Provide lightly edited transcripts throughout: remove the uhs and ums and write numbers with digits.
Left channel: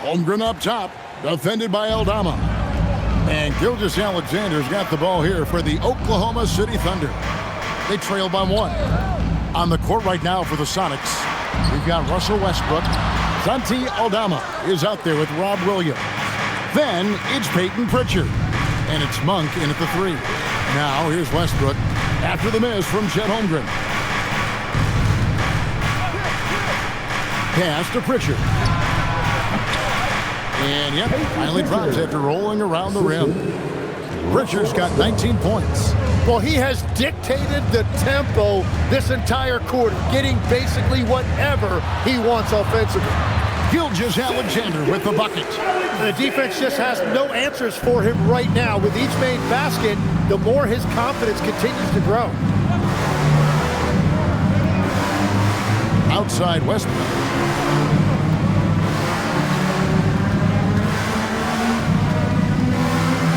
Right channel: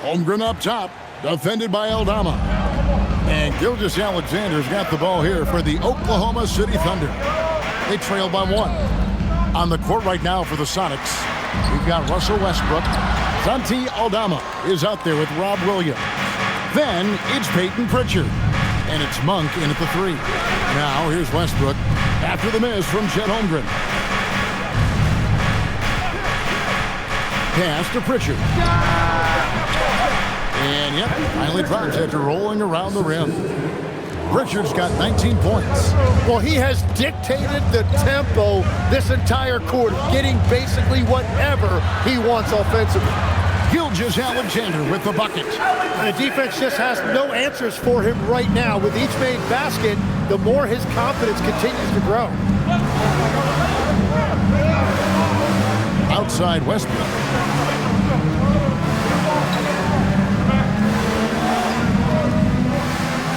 Holmgren up top, defended by Aldama. And Gilgeous-Alexander's got the ball here for the Oklahoma City Thunder. They trail by 1. On the court right now for the Sonics, we've got Russell Westbrook. Santi Aldama is out there with Rob Williams. Then it's Peyton Pritchard. And it's Monk in at the 3. Now here's Westbrook after the miss from Chet Holmgren. Pass to Pritchard. And yep, finally drops after rolling around the rim. Pritchard's got 19 points. Well, he has dictated the tempo this entire quarter, getting basically whatever he wants offensively. Gilgeous-Alexander with the bucket. And the defense just has no answers for him right now. With each made basket, the more his confidence continues to grow. Outside Westbrook.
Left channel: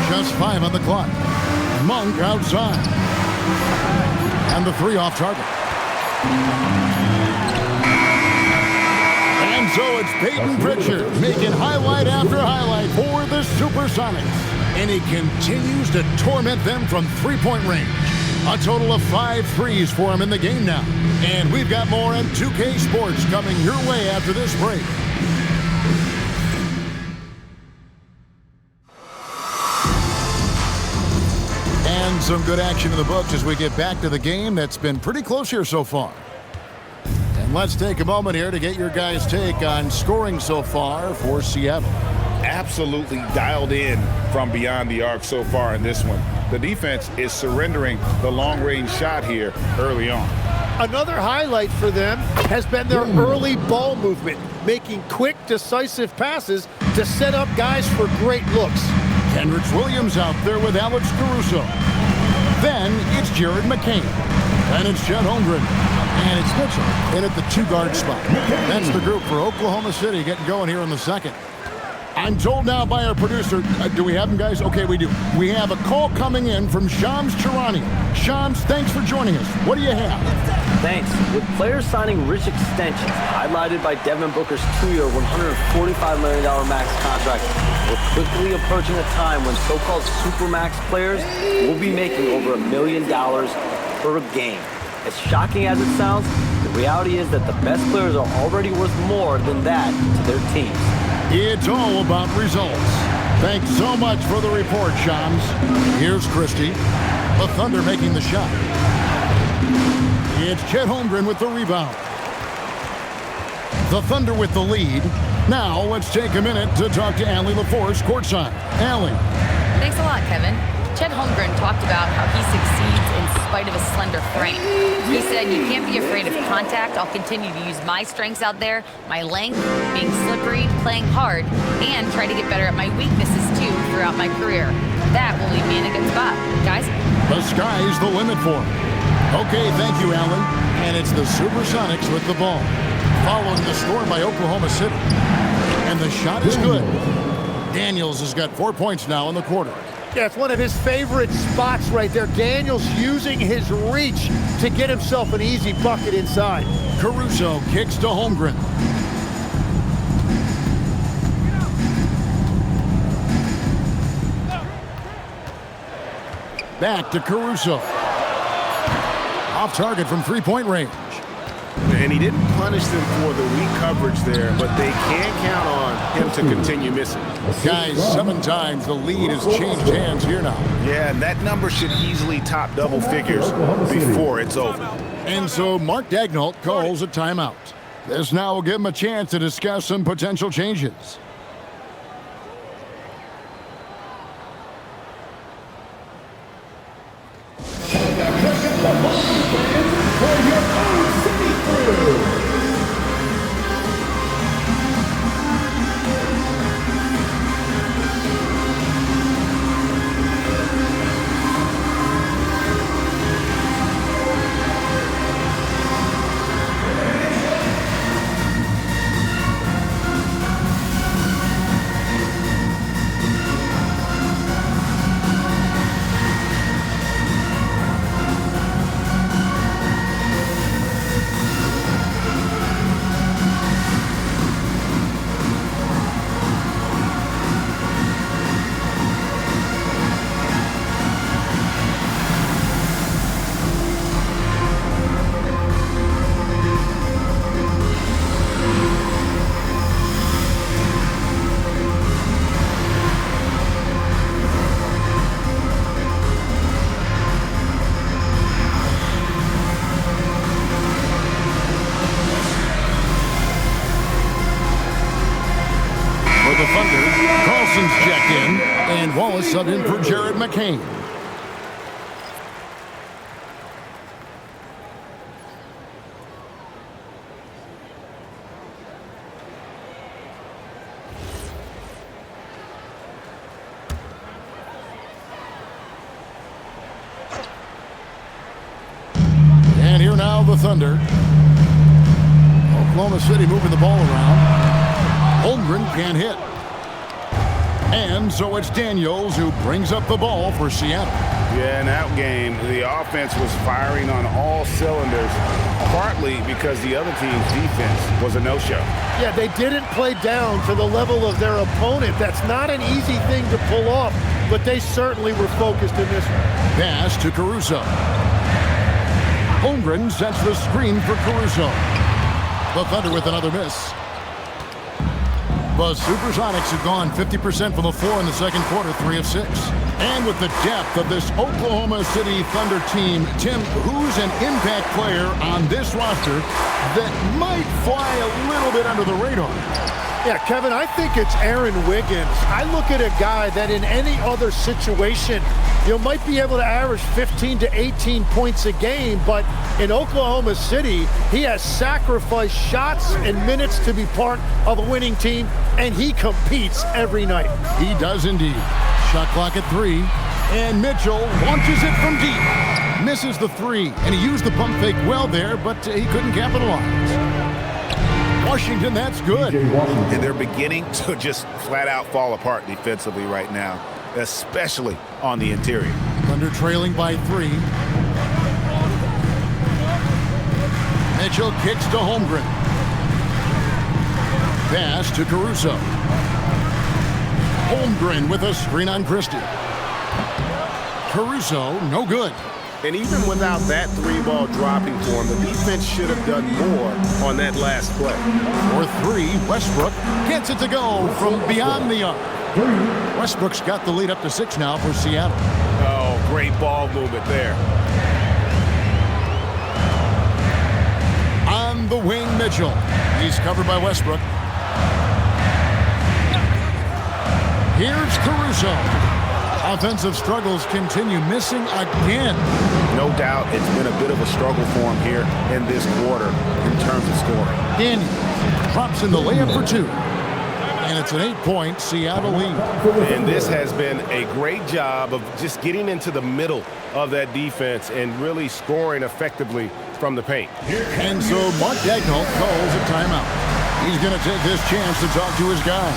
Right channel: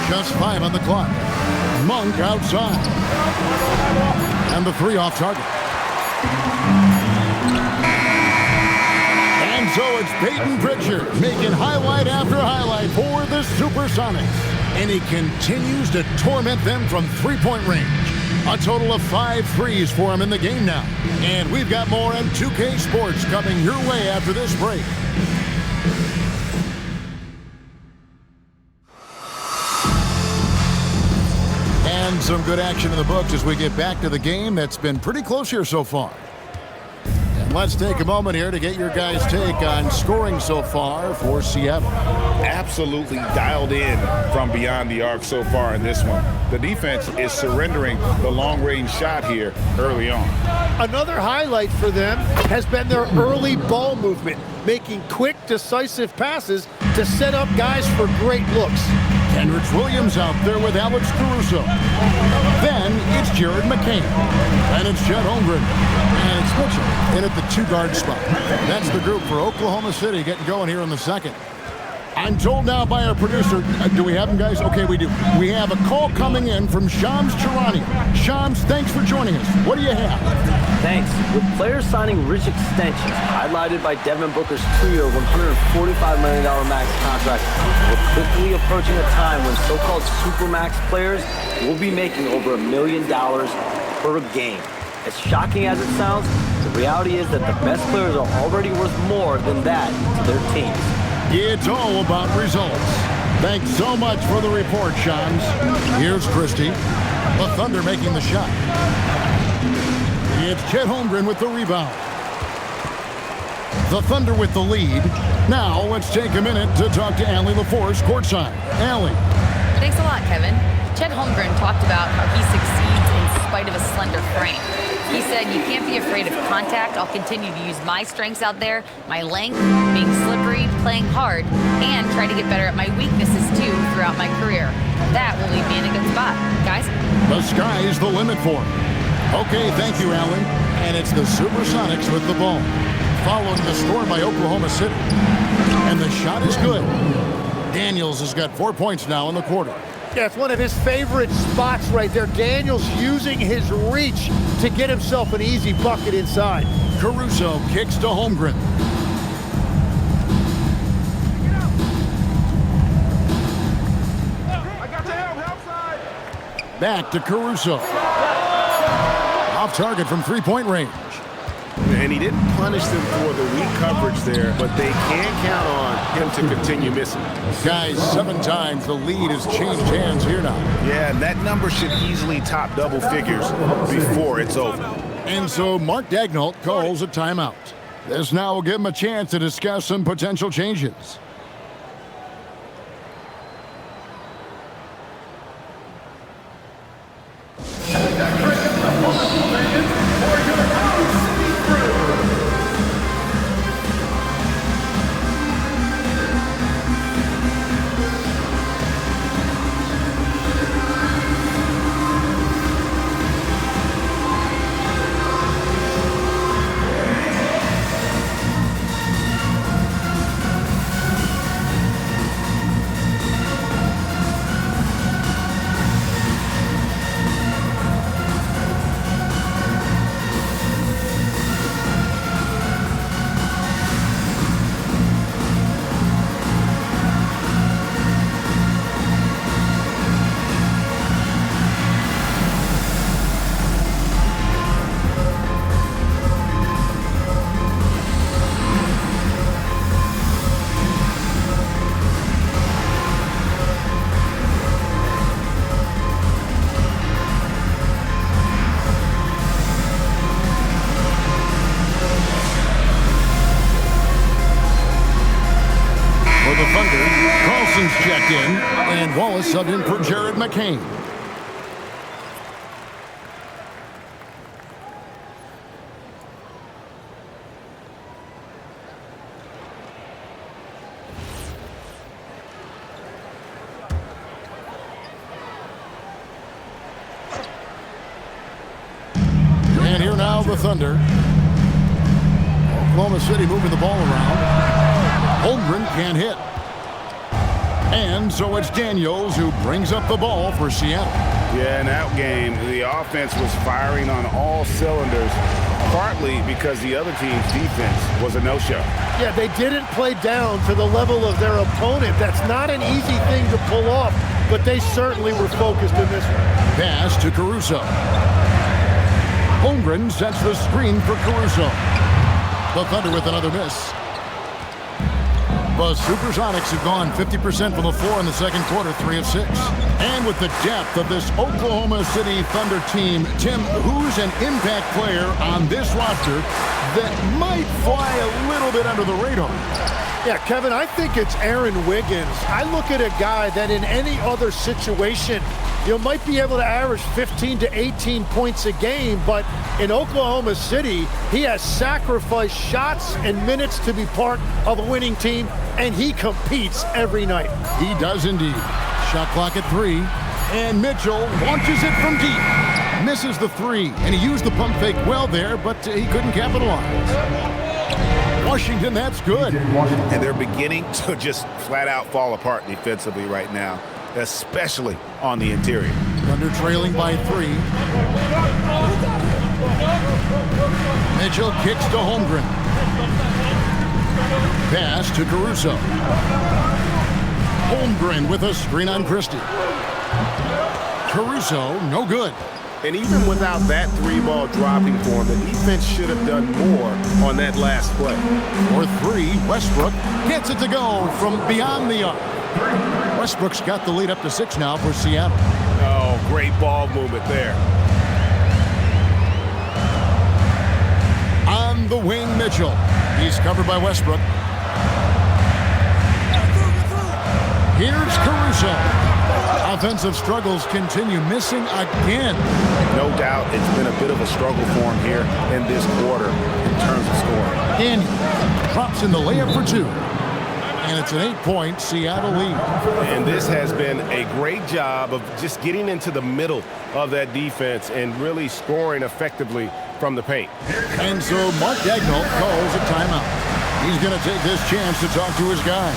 Just 5 on the clock. Monk outside. And the 3 off target. And so it's Peyton Pritchard making highlight after highlight for the Supersonics. And he continues to torment them from three-point range. A total of 5 threes for him in the game now. And we've got more on 2K Sports coming your way after this break. And some good action in the books as we get back to the game that's been pretty close here so far. And let's take a moment here to get your guys' take on scoring so far for Seattle. Absolutely dialed in from beyond the arc so far in this one. The defense is surrendering the long-range shot here early on. Another highlight for them has been their early ball movement, making quick, decisive passes to set up guys for great looks. Kenrich Williams out there with Alex Caruso. Then it's Jared McCain. Then it's Chet Holmgren. And it's Mitchell in at the 2-guard spot. That's the group for Oklahoma City getting going here in the second. I'm told now by our producer, do we have them, guys? Okay, we do. We have a call coming in from Shams Charania. Shams, thanks for joining us. What do you have? Thanks. With players signing rich extensions, highlighted by Devin Booker's 2-year, $145 million max contract, we're quickly approaching a time when so-called supermax players will be making over $1 million per game. As shocking as it sounds, the reality is that the best players are already worth more than that to their teams. It's all about results. Thanks so much for the report, Shams. Here's Christie. The Thunder making the shot. It's Chet Holmgren with the rebound. The Thunder with the lead. Now let's take a minute to talk to Allie LaForce courtside. Allie. Thanks a lot, Kevin. Chet Holmgren talked about how he succeeds in spite of a slender frame. He said, "You can't be afraid of contact. I'll continue to use my strengths out there, my length, being slippery, playing hard, and try to get better at my weaknesses too throughout my career. That will leave me in a good spot." Guys? The sky's the limit for him. Okay, thank you, Allie. And it's the Supersonics with the ball. Following the score by Oklahoma City. And the shot is good. Daniels has got 4 points now in the quarter. Yeah, it's one of his favorite spots right there. Daniels using his reach to get himself an easy bucket inside. Caruso kicks to Holmgren. Back to Caruso. Off target from three-point range. And he didn't punish them for the weak coverage there, but they can't count on him to continue missing. Guys, 7 times the lead has changed hands here now. Yeah, and that number should easily top double figures before it's over. And so Mark Daigneault calls a timeout. This now will give him a chance to discuss some potential changes. the Thunder. Carlson's checked in, and Wallace subbed in for Jared McCain. And here now the Thunder. Oklahoma City moving the ball around. Holmgren can't hit. And so it's Daniels who brings up the ball for Seattle. Yeah, in that game, the offense was firing on all cylinders, partly because the other team's defense was a no-show. Yeah, they didn't play down to the level of their opponent. That's not an easy thing to pull off, but they certainly were focused in this one. Pass to Caruso. Holmgren sets the screen for Caruso. The Thunder with another miss. The Supersonics have gone 50% from the floor in the second quarter, 3 of 6. And with the depth of this Oklahoma City Thunder team, Tim, who's an impact player on this roster that might fly a little bit under the radar? Yeah, Kevin, I think it's Aaron Wiggins. I look at a guy that in any other situation, might be able to average 15 to 18 points a game, but in Oklahoma City, he has sacrificed shots and minutes to be part of a winning team, and he competes every night. He does indeed. Shot clock at 3, and Mitchell launches it from deep. Misses the 3, and he used the pump fake well there, but he couldn't capitalize. Washington, that's good. And they're beginning to just flat out fall apart defensively right now, especially on the interior. Thunder trailing by 3. Mitchell kicks to Holmgren. Pass to Caruso. Holmgren with a screen on Christie. Caruso, no good. And even without that 3-ball dropping for him, the defense should have done more on that last play. For 3, Westbrook gets it to go from beyond the arc. Westbrook's got the lead up to 6 now for Seattle. Oh, great ball movement there. On the wing, Mitchell. He's covered by Westbrook. Here's Caruso. Offensive struggles continue, missing again. No doubt it's been a bit of a struggle for him here in this quarter in terms of scoring. Daniels drops in the layup for 2. And it's an 8-point Seattle lead. And this has been a great job of just getting into the middle of that defense and really scoring effectively from the paint. And so Mark Daigneault calls a timeout. He's going to take this chance to talk to his guy.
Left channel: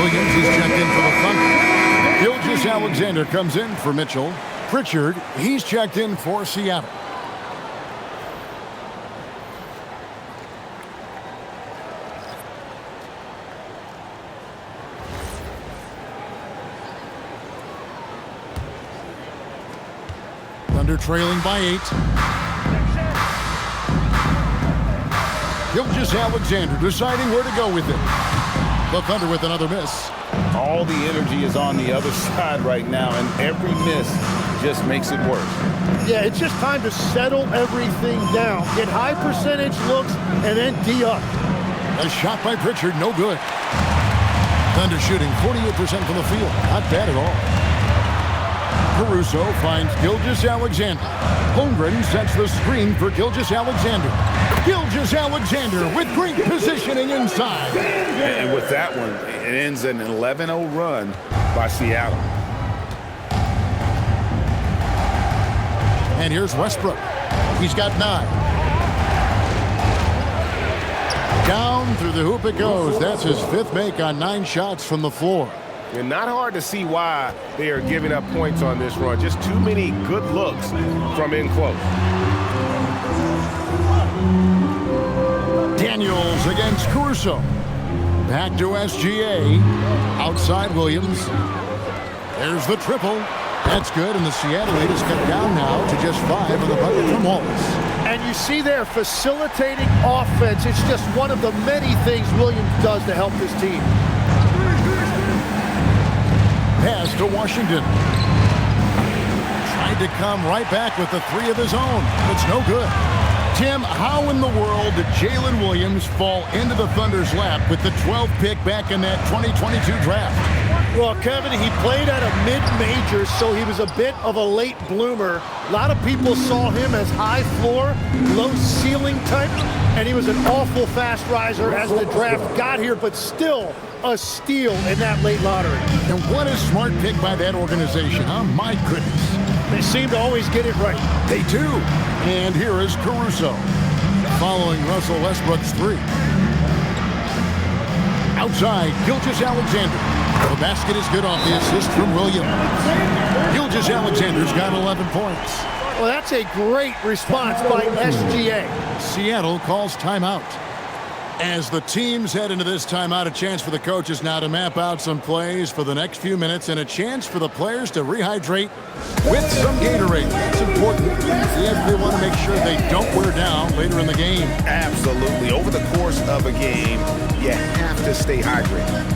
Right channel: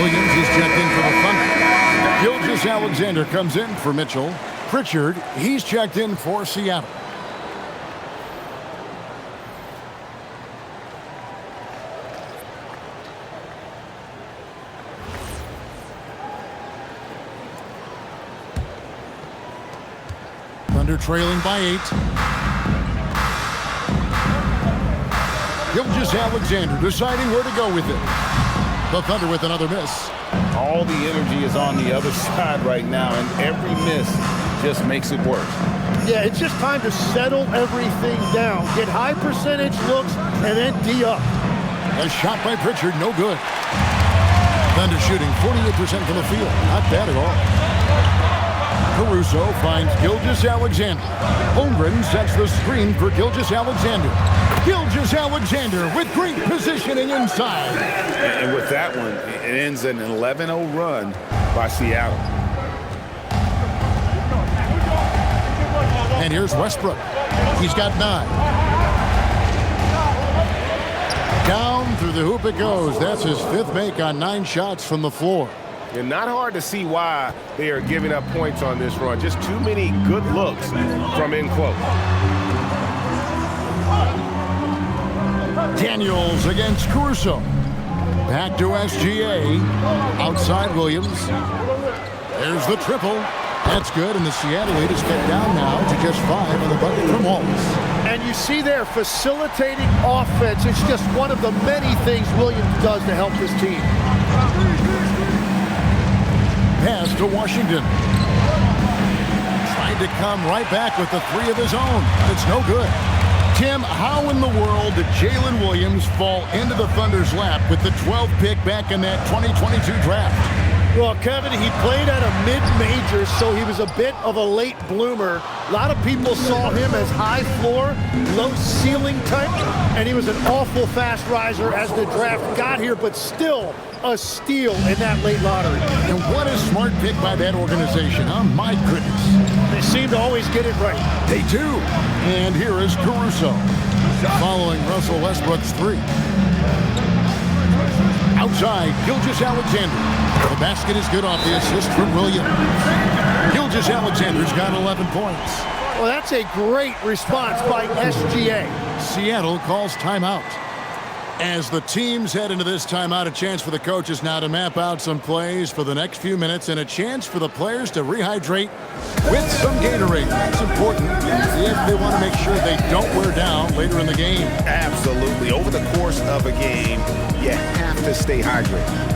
Williams is checked in for the Thunder. Gilgeous-Alexander comes in for Mitchell. Pritchard, he's checked in for Seattle. Thunder trailing by 8. Gilgeous-Alexander deciding where to go with it. The Thunder with another miss. All the energy is on the other side right now, and every miss just makes it worse. Yeah, it's just time to settle everything down. Get high percentage looks and then D up. A shot by Pritchard, no good. Thunder shooting 48% from the field. Not bad at all. Caruso finds Gilgeous-Alexander. Holmgren sets the screen for Gilgeous-Alexander. Gilgeous-Alexander with great positioning inside. And with that one, it ends an 11-0 run by Seattle. And here's Westbrook. He's got 9. Down through the hoop it goes. That's his 5th make on 9 shots from the floor. And not hard to see why they are giving up points on this run. Just too many good looks from in close. Daniels against Caruso. Back to SGA. Outside Williams. There's the triple. That's good, and the Seattle lead is cut down now to just 5 on the bucket from Wallace. And you see there, facilitating offense. It's just one of the many things Williams does to help this team. Pass to Washington. Tried to come right back with the 3 of his own, but it's no good. Tim, how in the world did Jalen Williams fall into the Thunder's lap with the 12th pick back in that 2022 draft? Well, Kevin, he played at a mid-major, so he was a bit of a late bloomer. A lot of people saw him as high floor, low ceiling type, and he was an awful fast riser as the draft got here, but still a steal in that late lottery. And what a smart pick by that organization, huh? My goodness. They seem to always get it right. They do. And here is Caruso, following Russell Westbrook's 3. Outside, Gilgeous-Alexander. The basket is good off the assist from Williams. Gilgeous-Alexander's got 11 points. Well, that's a great response by SGA. Seattle calls timeout. As the teams head into this timeout, a chance for the coaches now to map out some plays for the next few minutes and a chance for the players to rehydrate with some Gatorade. That's important if they want to make sure they don't wear down later in the game. Absolutely. Over the course of a game, you have to stay hydrated.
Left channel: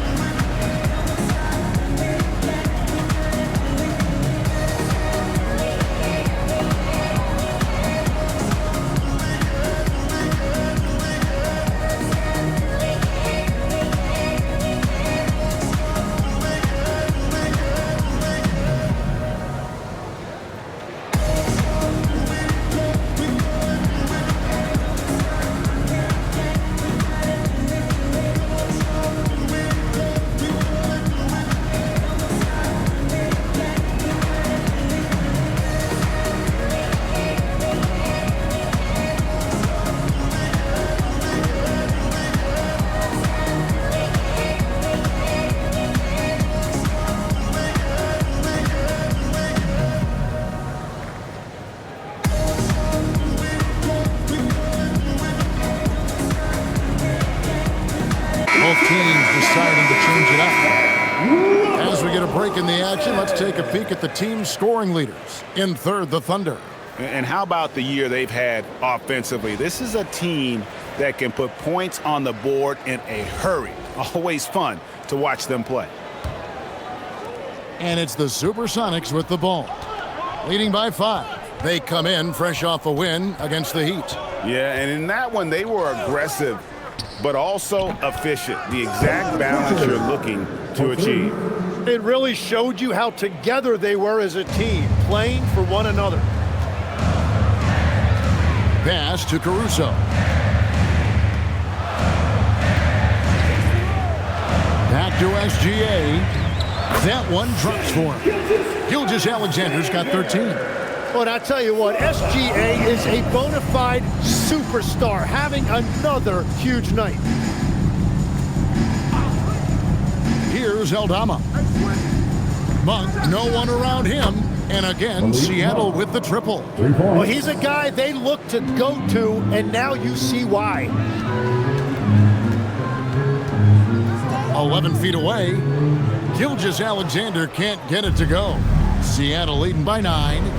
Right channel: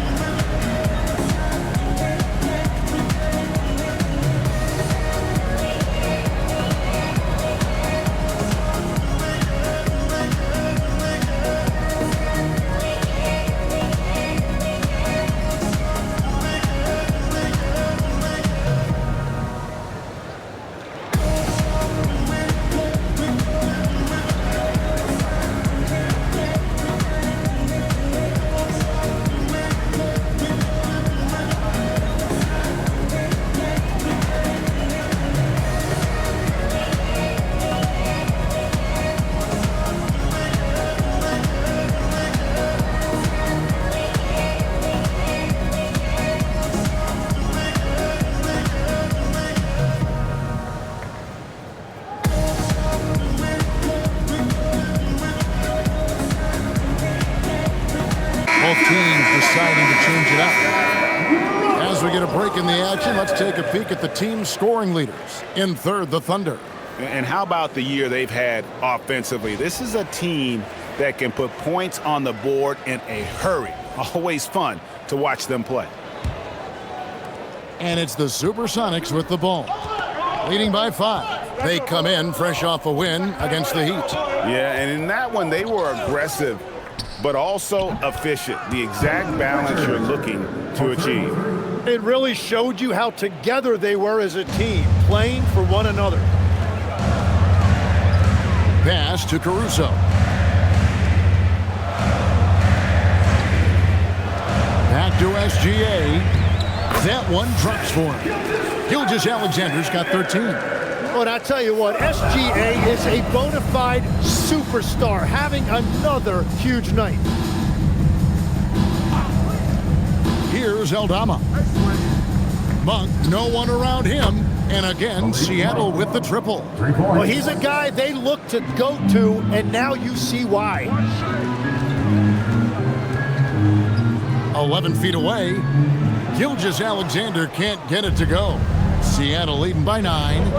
Both teams deciding to change it up. As we get a break in the action, let's take a peek at the team's scoring leaders. In third, the Thunder. And how about the year they've had offensively? This is a team that can put points on the board in a hurry. Always fun to watch them play. And it's the Supersonics with the ball. Leading by 5. They come in fresh off a win against the Heat. Yeah, and in that one, they were aggressive, but also efficient. The exact balance you're looking to achieve. It really showed you how together they were as a team, playing for one another. Pass to Caruso. Back to SGA. That one drops for him. Gilgeous-Alexander's got 13. But I tell you what, SGA is a bona fide superstar, having another huge night. Here's Aldama. Monk, no one around him. And again, Seattle with the triple. Well, he's a guy they look to go to, and now you see why. 11 feet away. Gilgeous-Alexander can't get it to go. Seattle leading by 9.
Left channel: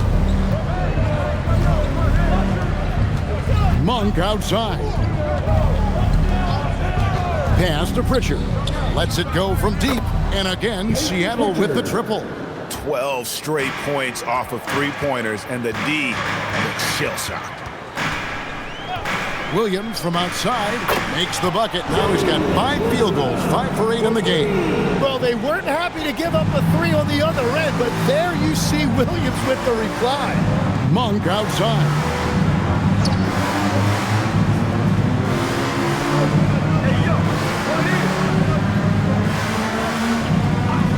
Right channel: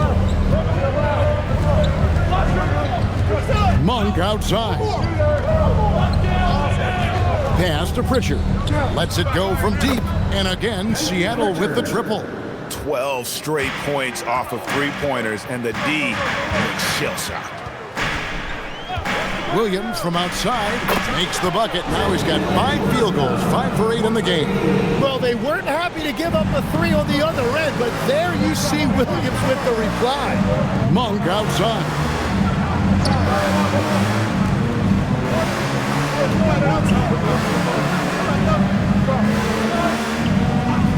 Monk outside. Pass to Pritchard. Lets it go from deep. And again, Seattle with the triple. 12 straight points off of three-pointers, and the D looks shell-shocked. Williams from outside makes the bucket. Now he's got 5 field goals, 5 for 8 in the game. Well, they weren't happy to give up a 3 on the other end, but there you see Williams with the reply. Monk outside.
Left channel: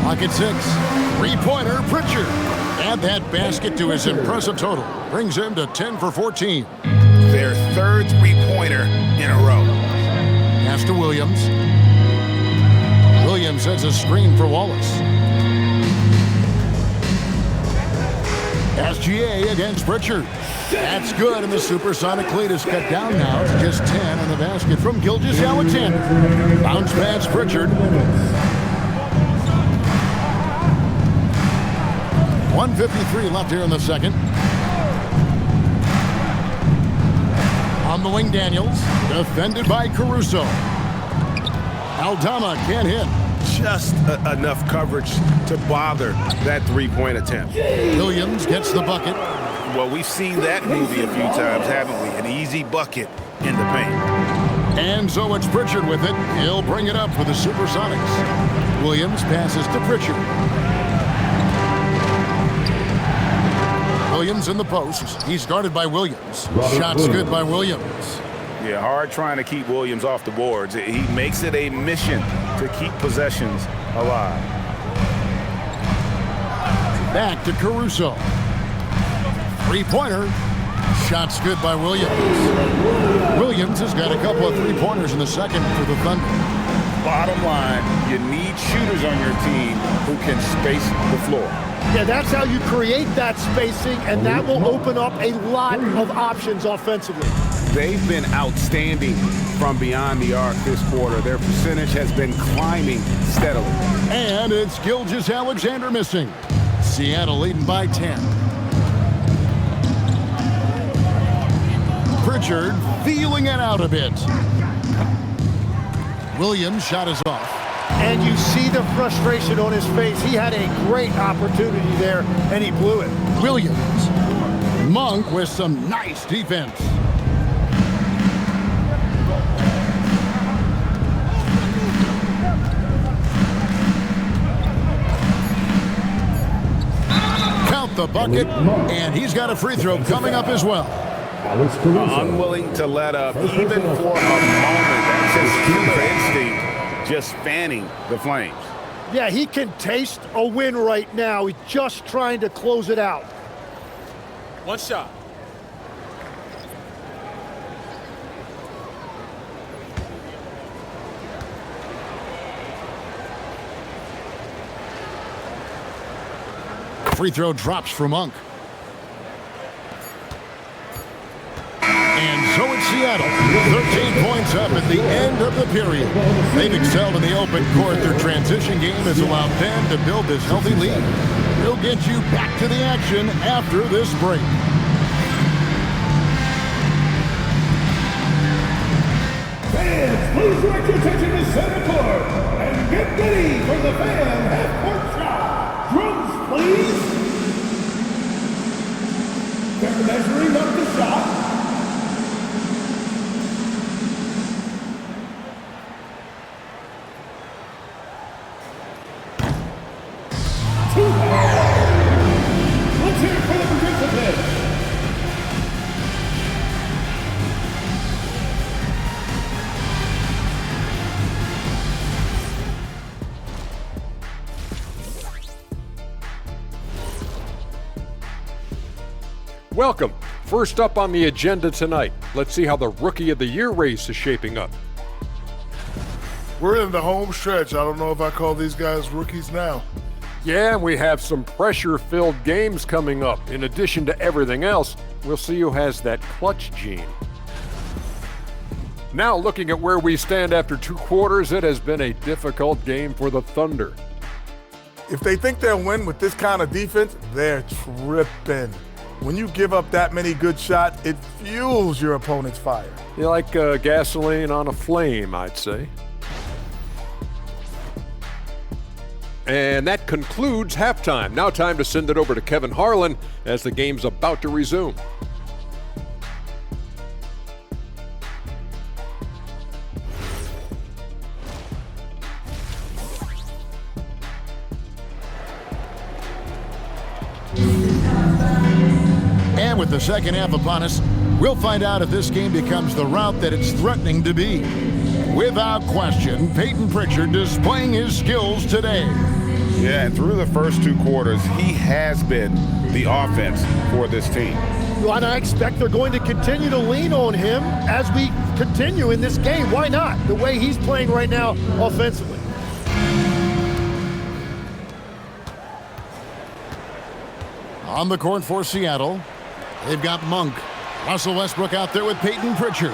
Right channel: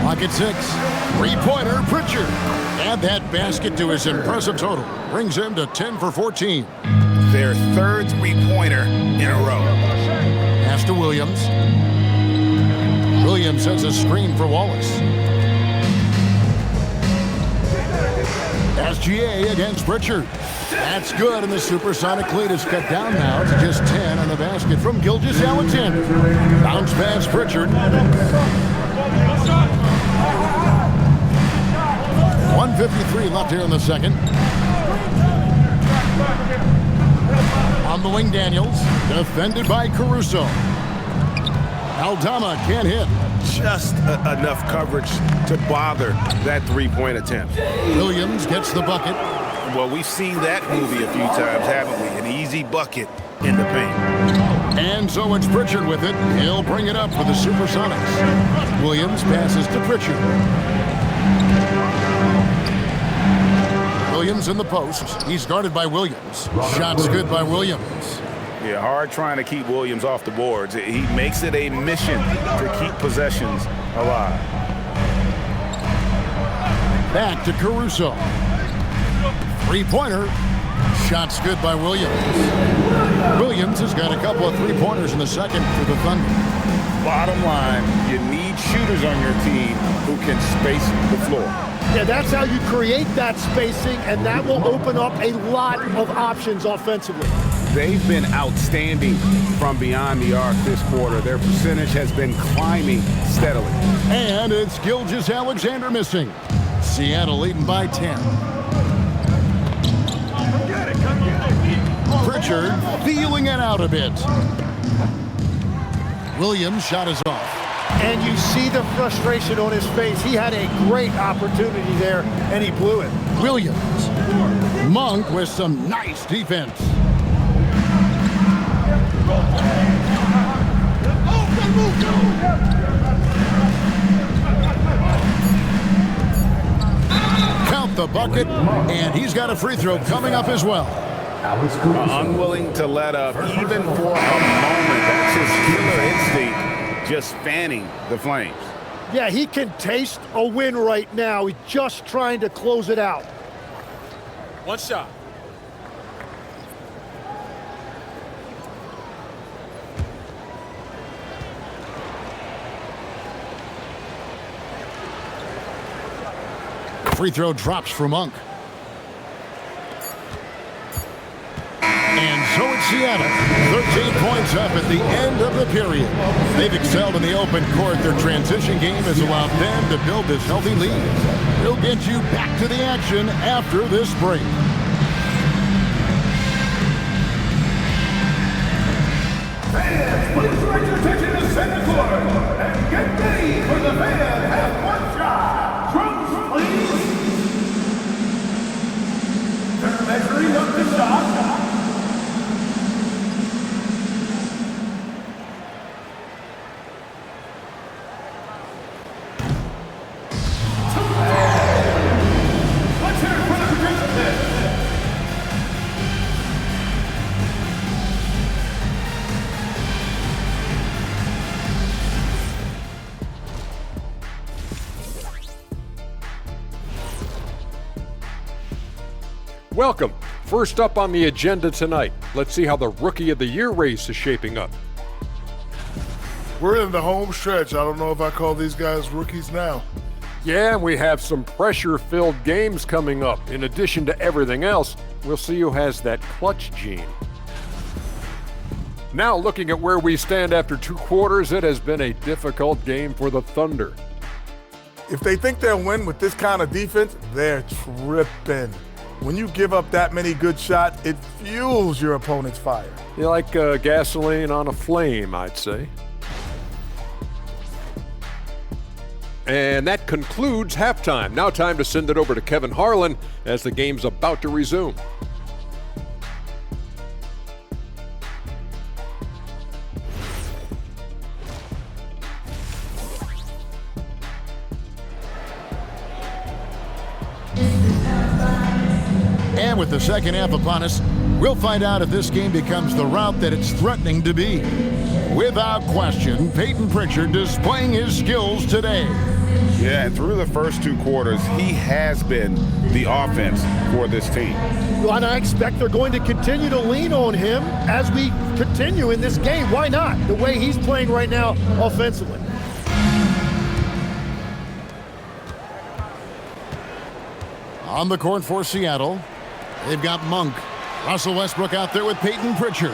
Clock at 6. 3-pointer, Pritchard. Add that basket to his impressive total. Brings him to 10 for 14. Their third 3-pointer in a row. Pass to Williams. Williams sets a screen for Wallace. SGA against Pritchard. That's good, and the supersonic lead is cut down now to just 10 on the basket from Gilgeous-Alexander. Bounce pass Pritchard. 1:53 left here in the second. On the wing, Daniels, defended by Caruso. Aldama can't hit. Just enough coverage to bother that 3-point attempt. Williams gets the bucket. Well, we've seen that movie a few times, haven't we? An easy bucket in the paint. And so it's Pritchard with it. He'll bring it up for the Supersonics. Williams passes to Pritchard. Williams in the post. He's guarded by Williams. Shots good by Williams. Yeah, hard trying to keep Williams off the boards. He makes it a mission to keep possessions alive. Back to Caruso. 3-pointer. Shots good by Williams. Williams has got a couple of 3-pointers in the second for the Thunder. Bottom line, you need shooters on your team who can space the floor. Yeah, that's how you create that spacing, and that will open up a lot of options offensively. They've been outstanding from beyond the arc this quarter. Their percentage has been climbing steadily. And it's Gilgeous-Alexander missing. Seattle leading by 10. Pritchard feeling it out a bit. Williams' shot is off. And you see the frustration on his face. He had a great opportunity there, and he blew it. Williams. Monk with some nice defense. Count the bucket, and he's got a free throw coming up as well. Unwilling to let up even for a moment. That's his killer instinct, just fanning the flames. Yeah, he can taste a win right now. He's just trying to close it out. One shot. Free throw drops for Monk. And so it's Seattle, 13 points up at the end of the period. They've excelled in the open court. Their transition game has allowed them to build this healthy lead. We'll get you back to the action after this break. Fans, please direct your attention to center court and get ready for the fan half-court shot. Drums, please. They're measuring up the shot. Let's hear it for the participants. Welcome. First up on the agenda tonight, let's see how the Rookie of the Year race is shaping up. We're in the home stretch. I don't know if I call these guys rookies now. Yeah, and we have some pressure-filled games coming up. In addition to everything else, we'll see who has that clutch gene. Now, looking at where we stand after 2 quarters, it has been a difficult game for the Thunder. If they think they'll win with this kind of defense, they're tripping. When you give up that many good shots, it fuels your opponent's fire. You like gasoline on a flame, I'd say. And that concludes halftime. Now time to send it over to Kevin Harlan as the game's about to resume. And with the second half upon us, we'll find out if this game becomes the rout that it's threatening to be. Without question, Peyton Pritchard displaying his skills today. Yeah, and through the first 2 quarters, he has been the offense for this team. And I expect they're going to continue to lean on him as we continue in this game. Why not? The way he's playing right now offensively. On the court for Seattle, they've got Monk. Russell Westbrook out there with Peyton Pritchard.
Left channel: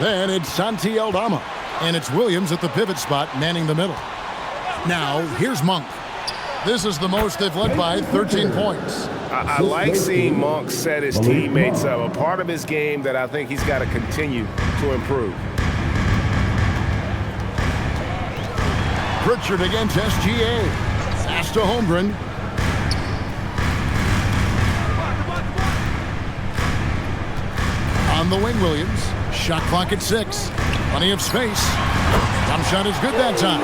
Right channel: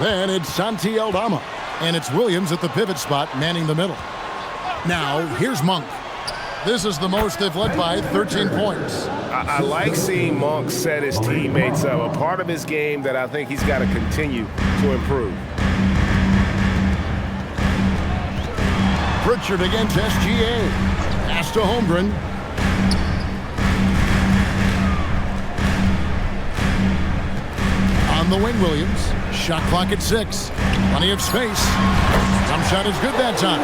Then it's Santi Aldama. And it's Williams at the pivot spot, manning the middle. Now, here's Monk. This is the most they've led by, 13 points. I like seeing Monk set his teammates up. A part of his game that I think he's got to continue to improve. Pritchard against SGA. Pass to Holmgren. On the wing, Williams. Shot clock at 6. Plenty of space. Jump shot is good that time.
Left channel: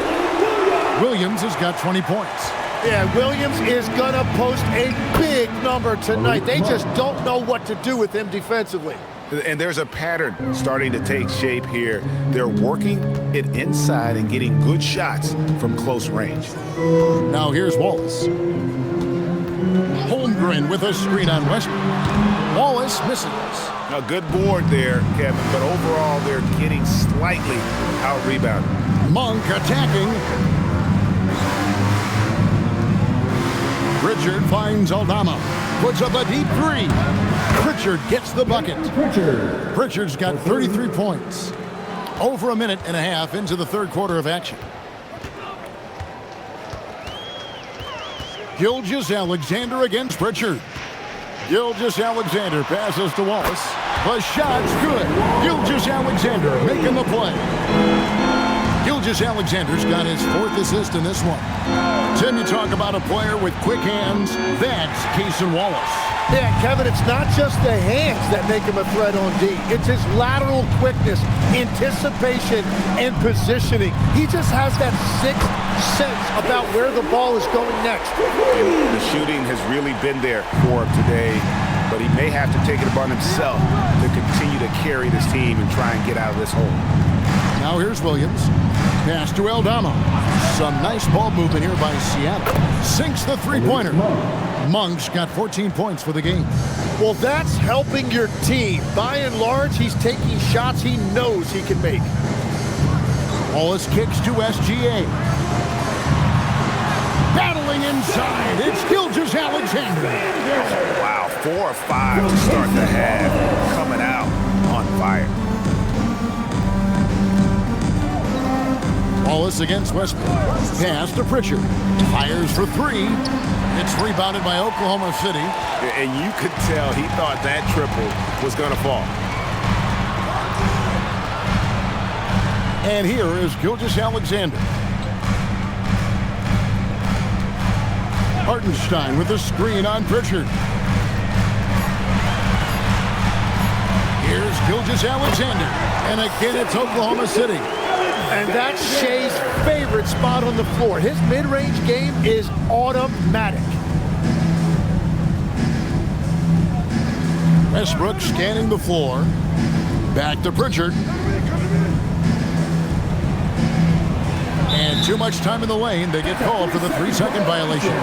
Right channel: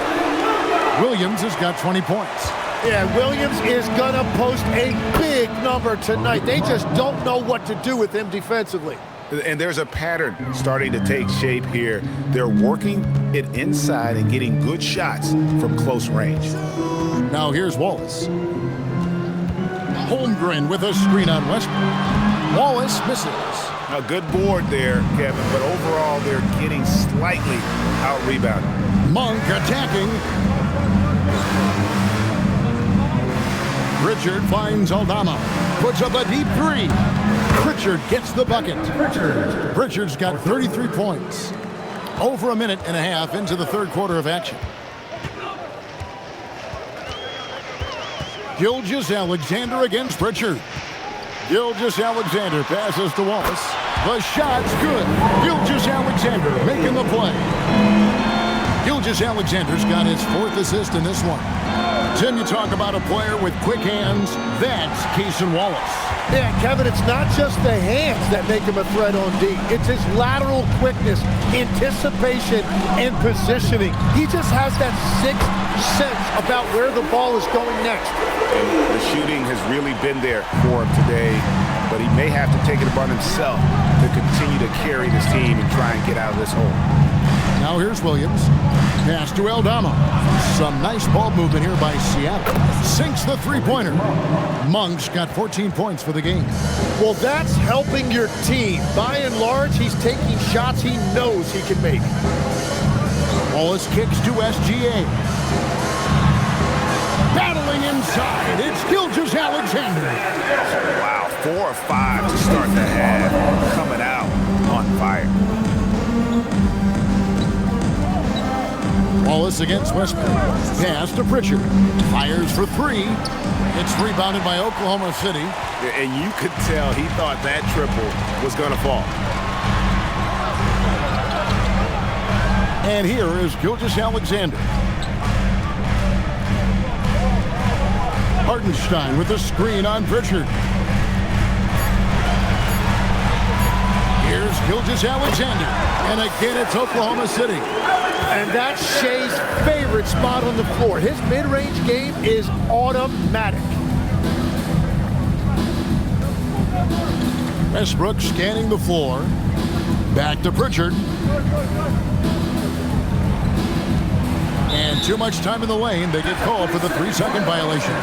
Williams has got 20 points. Yeah, Williams is going to post a big number tonight. They just don't know what to do with him defensively. And there's a pattern starting to take shape here. They're working it inside and getting good shots from close range. Now here's Wallace. Holmgren with a screen on Westbrook. Wallace misses. A good board there, Kevin, but overall they're getting slightly out-rebounded. Monk attacking. Pritchard finds Aldama. Puts up a deep 3. Pritchard gets the bucket. Pritchard's got 33 points. Over a minute and a half into the third quarter of action. Gilgeous-Alexander against Pritchard. Gilgeous-Alexander passes to Wallace. The shot's good. Gilgeous-Alexander making the play. Gilgeous-Alexander's got his 4th assist in this one. Tim, you talk about a player with quick hands. That's Cason Wallace. Yeah, Kevin, it's not just the hands that make him a threat on D. It's his lateral quickness, anticipation, and positioning. He just has that 6th sense about where the ball is going next. And the shooting has really been there for him today, but he may have to take it upon himself to continue to carry this team and try and get out of this hole. Now here's Williams. Pass to Aldama. Some nice ball movement here by Seattle. Sinks the three-pointer. Monk's got 14 points for the game. Well, that's helping your team. By and large, he's taking shots he knows he can make. Wallace kicks to SGA. Battling inside, it's Gilgeous-Alexander. Oh, wow, 4 or 5 to start the half. Coming out on fire. Wallace against Westbrook. Pass to Pritchard. Fires for 3. It's rebounded by Oklahoma City. And you could tell he thought that triple was going to fall. And here is Gilgeous-Alexander. Hartenstein with a screen on Pritchard. Here's Gilgeous-Alexander. And again, it's Oklahoma City. And that's Shea's favorite spot on the floor. His mid-range game is automatic. Westbrook scanning the floor. Back to Pritchard. And too much time in the lane. They get called for the 3-second violation.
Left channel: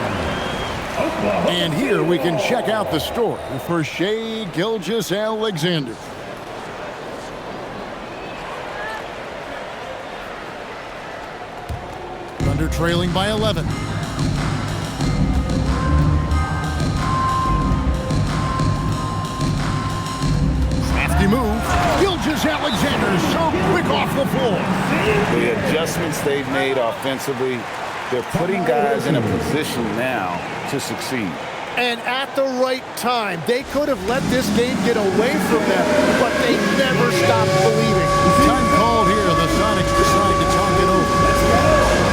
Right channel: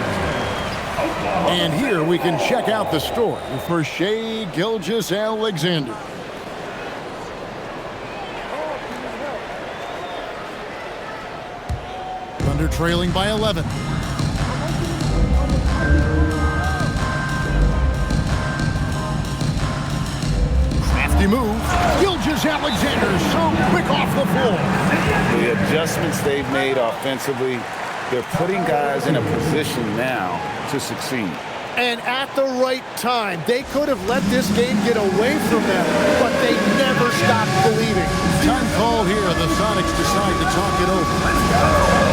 And here we can check out the story for Shai Gilgeous-Alexander. Thunder trailing by 11. Crafty move. Gilgeous-Alexander so quick off the floor. The adjustments they've made offensively, they're putting guys in a position now to succeed. And at the right time, they could have let this game get away from them, but they never stopped believing. Time called here. The Sonics decide to talk it over.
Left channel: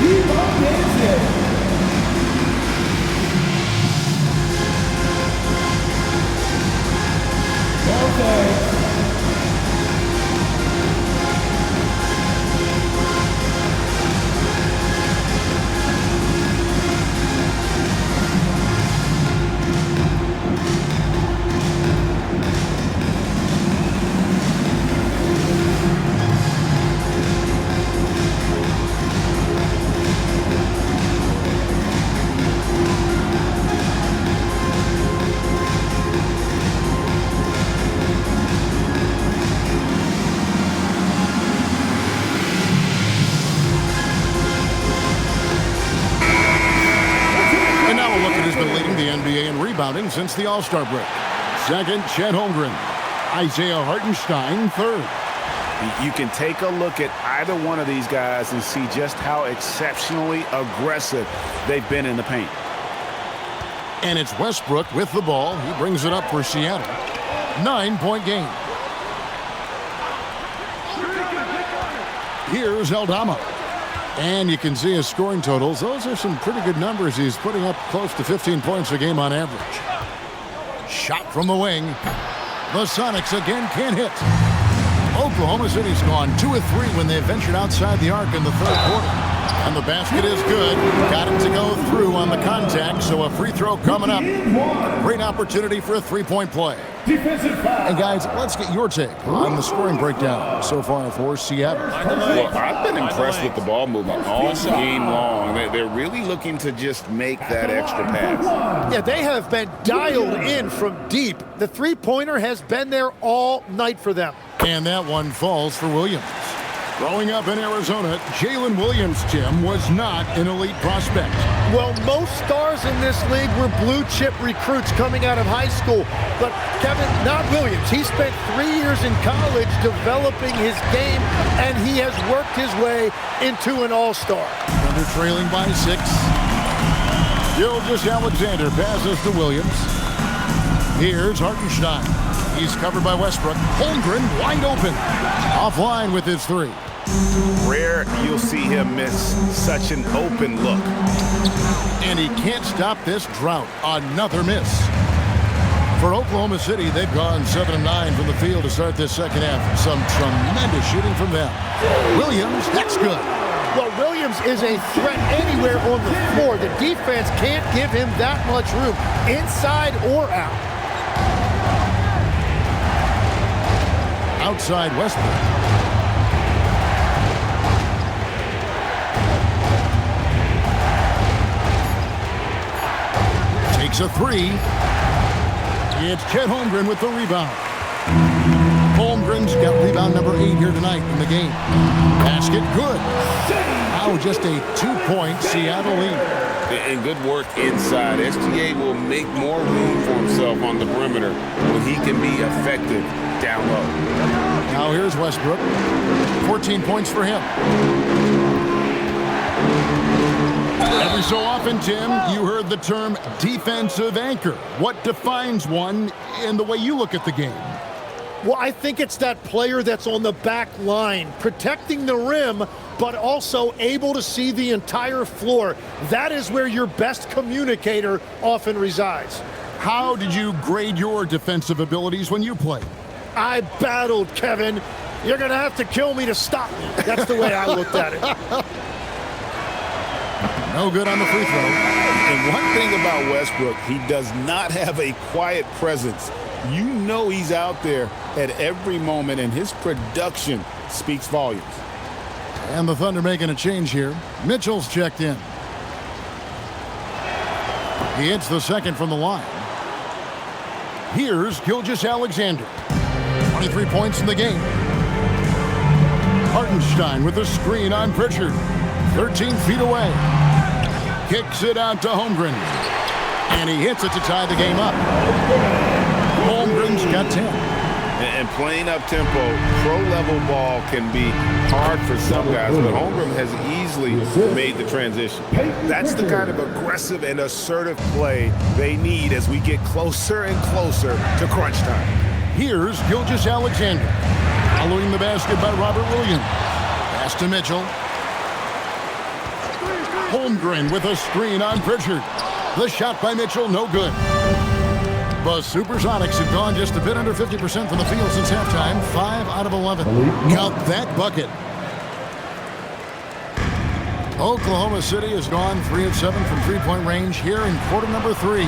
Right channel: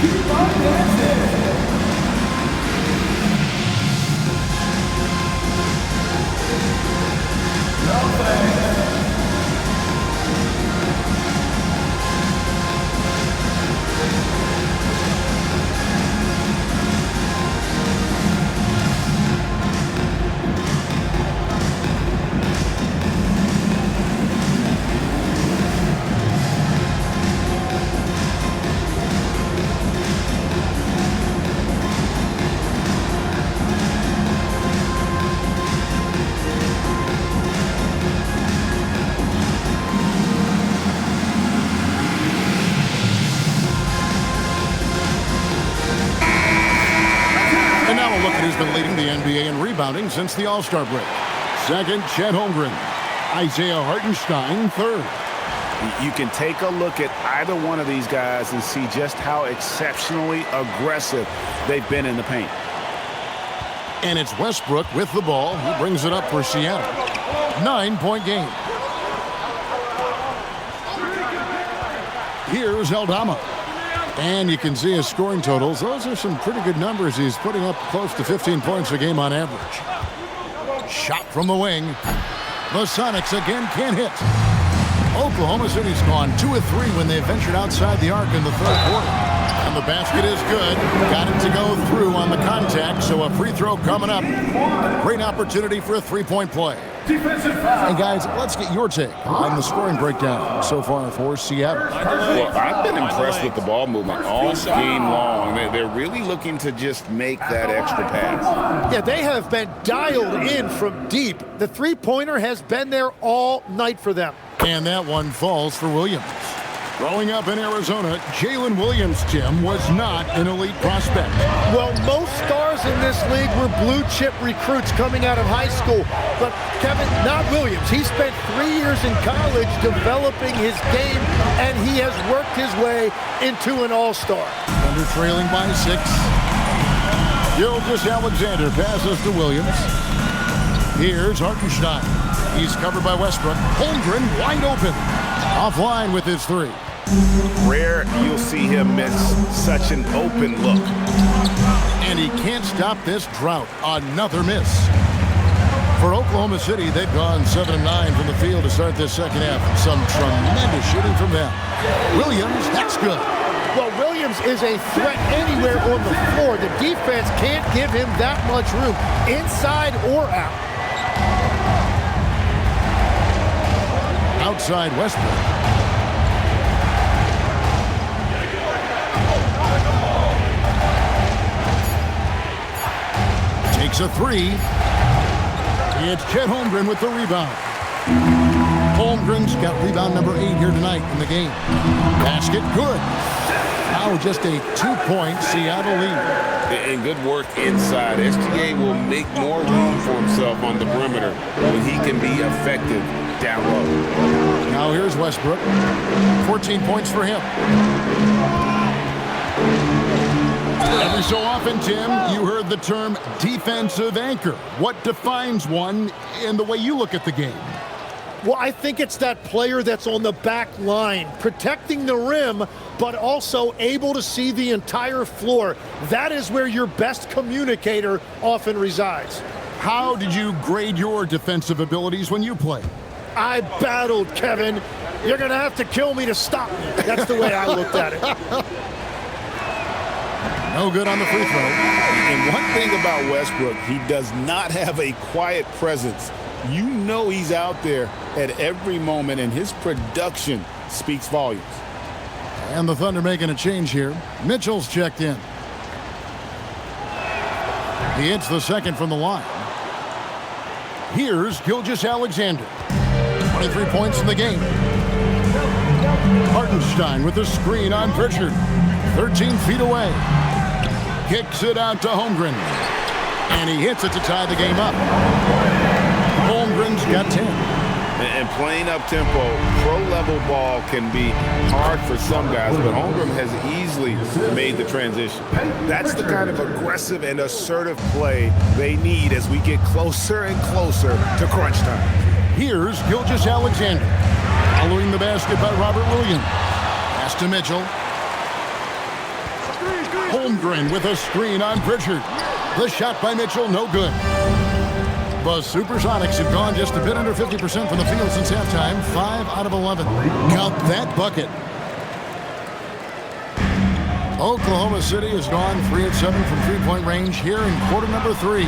Keep on dancing. No thanks. Now a look at who's been leading the NBA in rebounding since the All-Star break. Second, Chet Holmgren. Isaiah Hartenstein, third. You can take a look at either one of these guys and see just how exceptionally aggressive they've been in the paint. And it's Westbrook with the ball. He brings it up for Seattle. 9-point game. Here's Aldama. And you can see his scoring totals. Those are some pretty good numbers. He's putting up close to 15 points a game on average. Shot from the wing. The Sonics again can't hit. Oklahoma City's gone 2 of 3 when they ventured outside the arc in the third quarter. And the basket is good. Got it to go through on the contact, so a free throw coming up. A great opportunity for a three-point play. Defensive foul. And guys, let's get your take on the scoring breakdown so far for Seattle. Well, I've been impressed with the ball movement all game long. They're really looking to just make that extra pass. Yeah, they have been dialed in from deep. The three-pointer has been there all night for them. And that one falls for Williams. Growing up in Arizona, Jalen Williams, Tim, was not an elite prospect. Well, most stars in this league were blue-chip recruits coming out of high school. But, Kevin, not Williams. He spent 3 years in college developing his game, and he has worked his way into an all-star. Thunder trailing by 6. Gilgeous-Alexander passes to Williams. Here's Hartenstein. He's covered by Westbrook. Holmgren wide open. Offline with his three. Rare you'll see him miss such an open look. And he can't stop this drought. Another miss. For Oklahoma City, they've gone 7-9 from the field to start this second half. Some tremendous shooting from them. Williams, that's good. Well, Williams is a threat anywhere on the floor. The defense can't give him that much room, inside or out. Outside Westbrook. Takes a three. It's Chet Holmgren with the rebound. Holmgren's got rebound number 8 here tonight in the game. Basket good. Now just a 2-point Seattle lead. And good work inside. SGA will make more room for himself on the perimeter when he can be effective down low. Now here's Westbrook. 14 points for him. Every so often, Tim, you heard the term defensive anchor. What defines one in the way you look at the game? Well, I think it's that player that's on the back line, protecting the rim, but also able to see the entire floor. That is where your best communicator often resides. How did you grade your defensive abilities when you played? I battled, Kevin. You're going to have to kill me to stop me. That's the way I looked at it. No good on the free throw. And one thing about Westbrook, he does not have a quiet presence. You know he's out there at every moment, and his production speaks volumes. And the Thunder making a change here. Mitchell's checked in. He hits the second from the line. Here's Gilgeous-Alexander. 23 points in the game. Hartenstein with the screen on Pritchard. 13 feet away. Kicks it out to Holmgren. And he hits it to tie the game up. Holmgren's got 10. And playing up-tempo, pro-level ball can be hard for some guys, but Holmgren has easily made the transition. That's the kind of aggressive and assertive play they need as we get closer and closer to crunch time. Here's Gilgeous-Alexander. Following the basket by Robert Williams. Pass to Mitchell. Holmgren with a screen on Pritchard. The shot by Mitchell, no good. The Supersonics have gone just a bit under 50% from the field since halftime. 5 out of 11. Count that bucket. Oklahoma City has gone 3 of 7 from three-point range here in quarter number 3.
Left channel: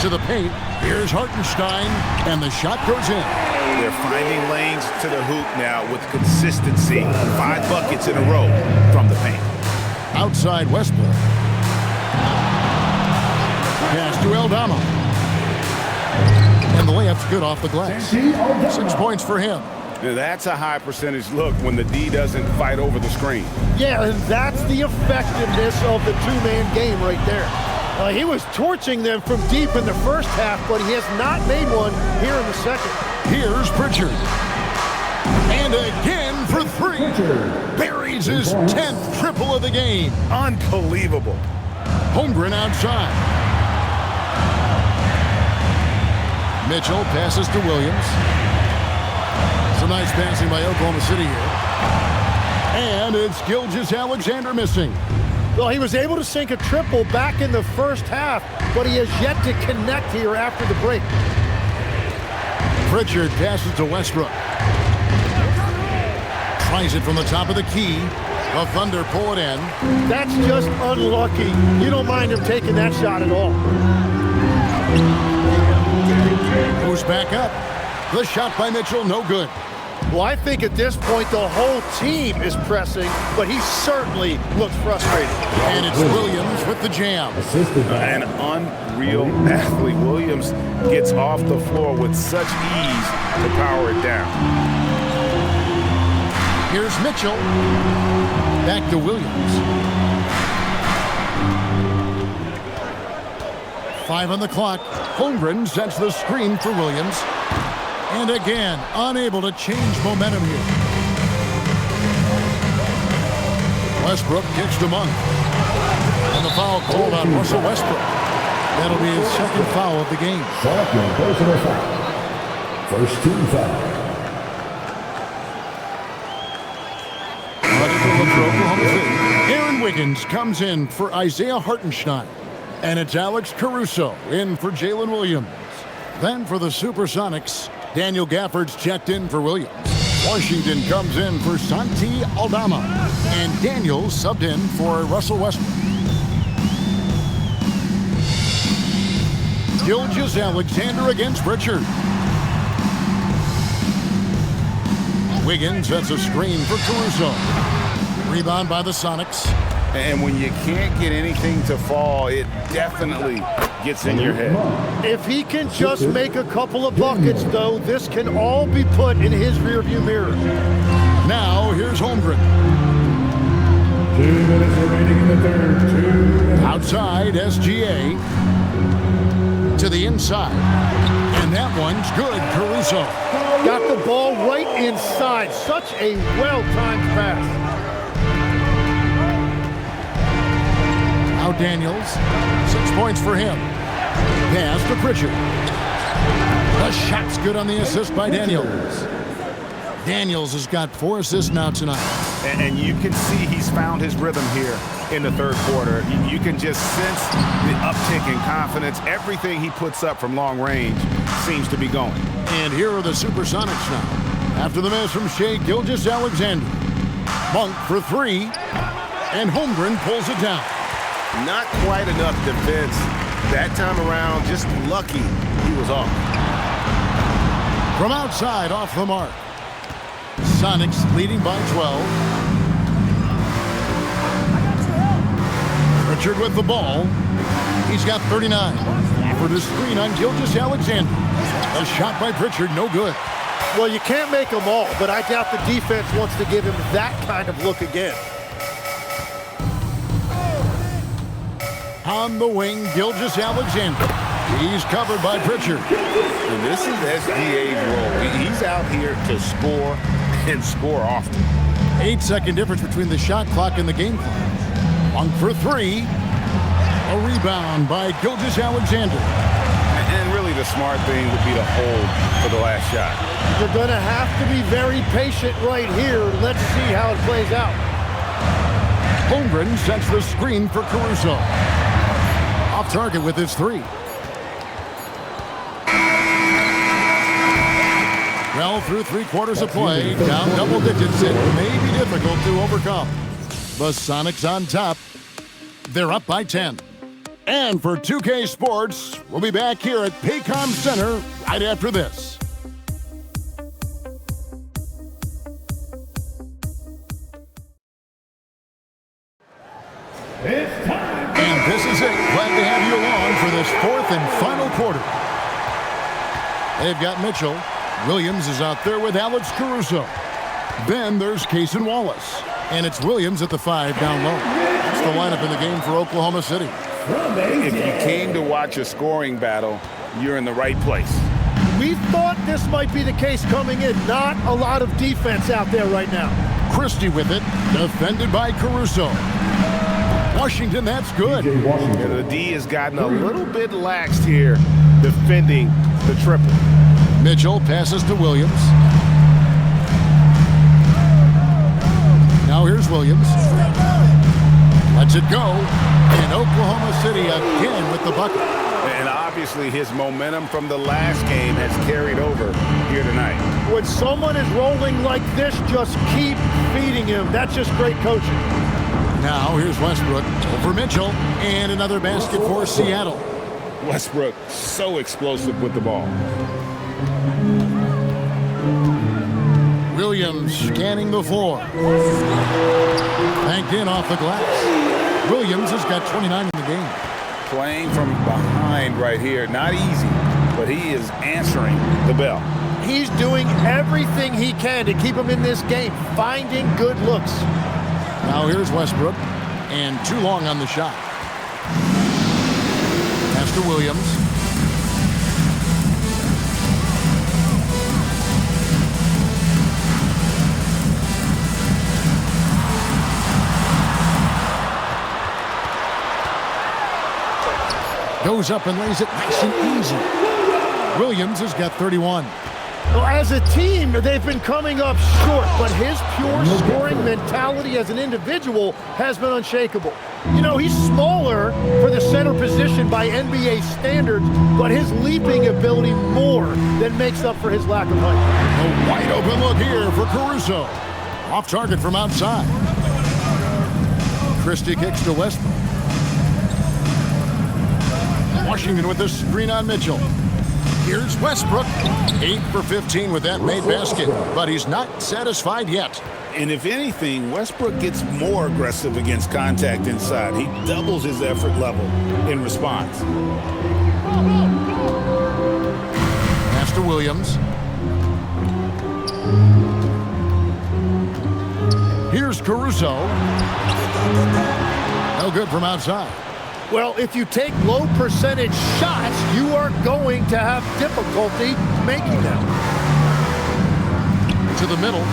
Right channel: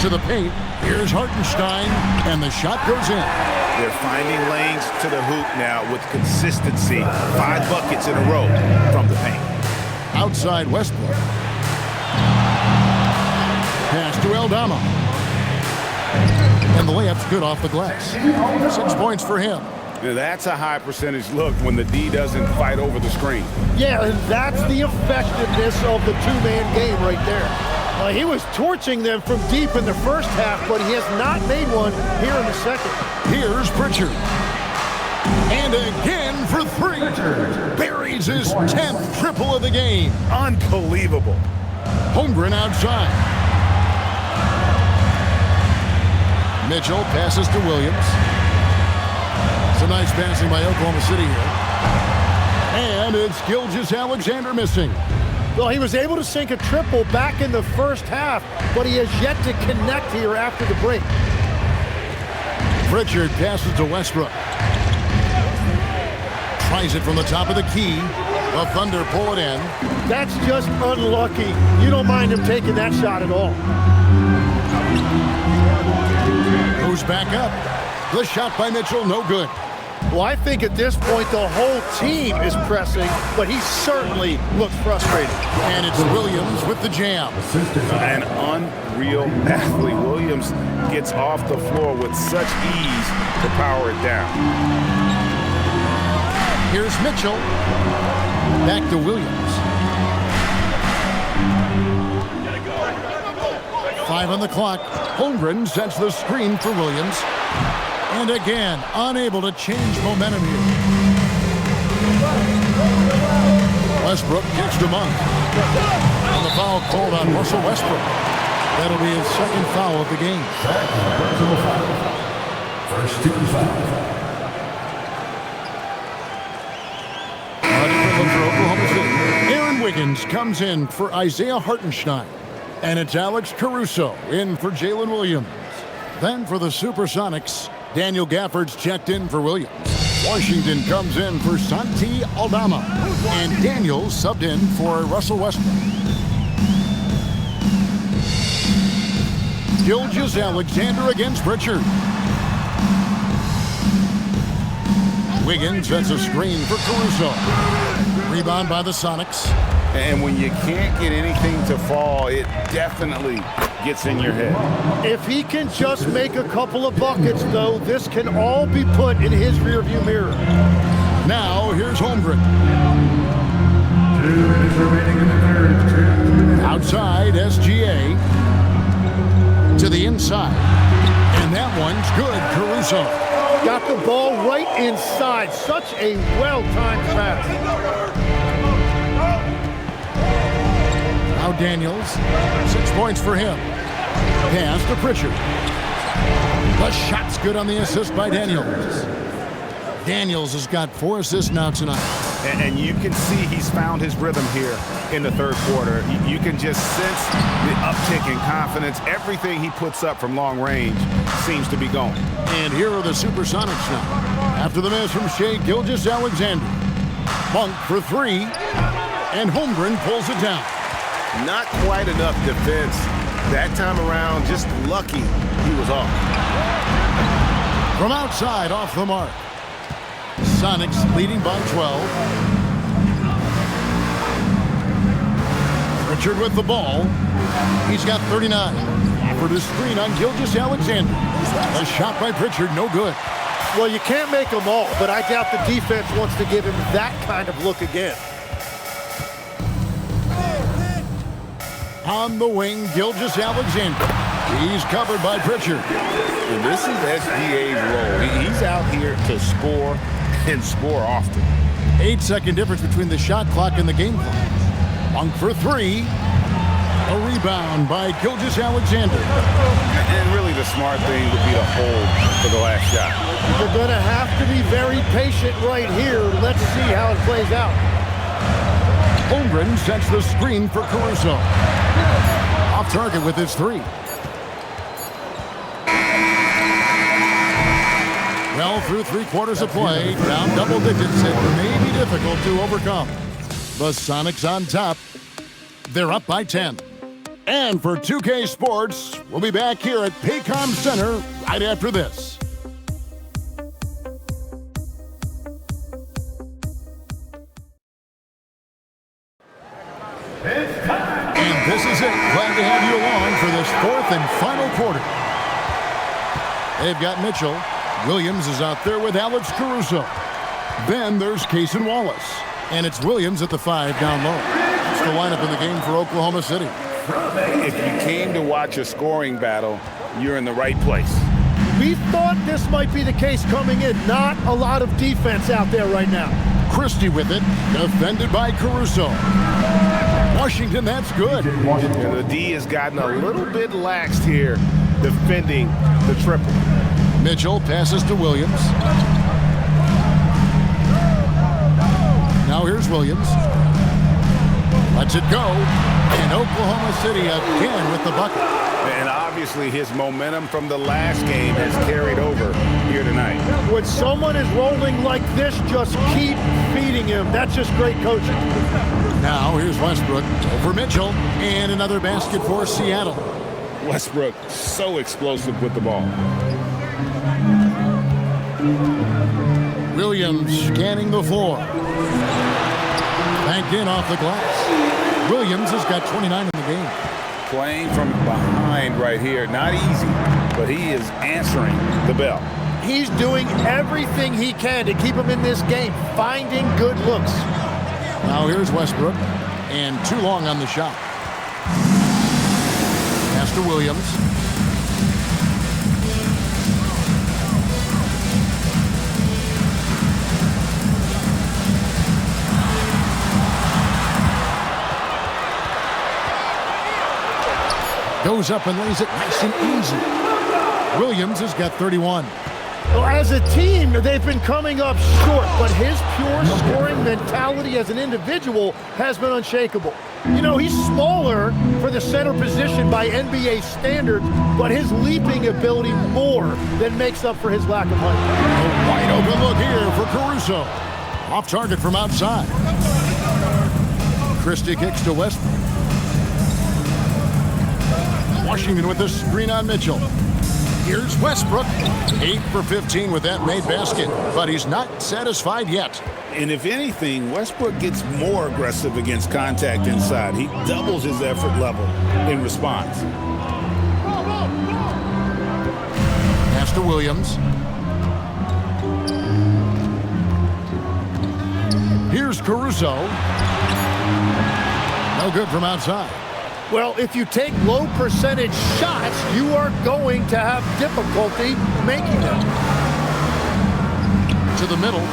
To the paint, here's Hartenstein, and the shot goes in. They're finding lanes to the hoop now with consistency. 5 buckets in a row from the paint. Outside Westbrook. Pass to Aldama. And the layup's good off the glass. 6 points for him. Now, that's a high percentage look when the D doesn't fight over the screen. Yeah, and that's the effectiveness of the two-man game right there. He was torching them from deep in the first half, but he has not made one here in the second. Here's Pritchard. And again for three. Buries his 10th triple of the game. Unbelievable. Holmgren outside. Mitchell passes to Williams. Some nice passing by Oklahoma City here. And it's Gilgeous-Alexander missing. Well, he was able to sink a triple back in the first half, but he has yet to connect here after the break. Pritchard passes to Westbrook. Tries it from the top of the key. The Thunder pull it in. That's just unlucky. You don't mind him taking that shot at all. Goes back up. The shot by Mitchell, no good. Well, I think at this point the whole team is pressing, but he certainly looks frustrated. And it's Williams with the jam. An unreal athlete. Williams gets off the floor with such ease to power it down. Here's Mitchell. Back to Williams. 5 on the clock. Holmgren sets the screen for Williams. And again, unable to change momentum here. Westbrook kicks to Monk. And the foul called on Russell Westbrook. That'll be his second foul of the game. Second personal foul. First team foul. A different look for Oklahoma City. Aaron Wiggins comes in for Isaiah Hartenstein. And it's Alex Caruso in for Jalen Williams. Then for the Supersonics, Daniel Gafford's checked in for Williams. Washington comes in for Santi Aldama. And Daniels subbed in for Russell Westbrook. Gilgeous-Alexander against Pritchard. Wiggins sets a screen for Caruso. Rebound by the Sonics. And when you can't get anything to fall, it definitely gets in your head. If he can just make a couple of buckets, though, this can all be put in his rearview mirror. Now, here's Holmgren. 2 minutes remaining in the third. Outside, SGA. To the inside. And that one's good, Caruso. Got the ball right inside. Such a well-timed pass. Now Daniels, 6 points for him. Pass to Pritchard. The shot's good on the assist by Daniels. Daniels has got 4 assists now tonight. And you can see he's found his rhythm here in the third quarter. You can just sense the uptick in confidence. Everything he puts up from long range seems to be going. And here are the Supersonics now. After the miss from Shai Gilgeous-Alexander. Monk for 3. And Holmgren pulls it down. Not quite enough defense that time around. Just lucky he was off. From outside, off the mark. Sonics leading by 12. Pritchard with the ball. He's got 39. For the screen on Gilgeous-Alexander. A shot by Pritchard, no good. Well, you can't make them all, but I doubt the defense wants to give him that kind of look again. On the wing, Gilgeous-Alexander. He's covered by Pritchard. And this is SGA's role. He's out here to score and score often. 8-second difference between the shot clock and the game clock. Monk for 3. A rebound by Gilgeous-Alexander. And really the smart thing would be to hold for the last shot. You're going to have to be very patient right here. Let's see how it plays out. Holmgren sets the screen for Caruso. Off target with his 3. Well, through 3 quarters of play, down double digits, it may be difficult to overcome. The Sonics on top. They're up by 10. And for 2K Sports, we'll be back here at Paycom Center right after this. And this is it. Glad to have you along for this 4th and final quarter. They've got Mitchell. Williams is out there with Alex Caruso. Then there's Cason Wallace. And it's Williams at the 5 down low. That's the lineup in the game for Oklahoma City. If you came to watch a scoring battle, you're in the right place. We thought this might be the case coming in. Not a lot of defense out there right now. Christie with it, defended by Caruso. Washington, that's good. And the D has gotten a little bit laxed here defending the triple. Mitchell passes to Williams. Now here's Williams. Lets it go. And Oklahoma City again with the bucket. And obviously his momentum from the last game has carried over here tonight. When someone is rolling like this, just keep feeding him. That's just great coaching. Now here's Westbrook over Mitchell. And another basket for Seattle. Westbrook so explosive with the ball. Williams scanning the floor. Banked in off the glass. Williams has got 29 in the game. Playing from behind right here. Not easy, but he is answering the bell. He's doing everything he can to keep him in this game, finding good looks. Now here's Westbrook, and too long on the shot. Pass to Williams. Goes up and lays it nice and easy. Williams has got 31. Well, as a team, they've been coming up short, but his pure scoring mentality as an individual has been unshakable. You know, he's smaller for the center position by NBA standards, but his leaping ability more than makes up for his lack of height. A wide open look here for Caruso. Off target from outside. Christie kicks to Westbrook. Washington with the screen on Mitchell. Here's Westbrook. 8 for 15 with that made basket, but he's not satisfied yet. And if anything, Westbrook gets more aggressive against contact inside. He doubles his effort level in response. Pass to Williams. Here's Caruso. No good from outside. Well, if you take low percentage shots, you are going to have difficulty making them. To the middle.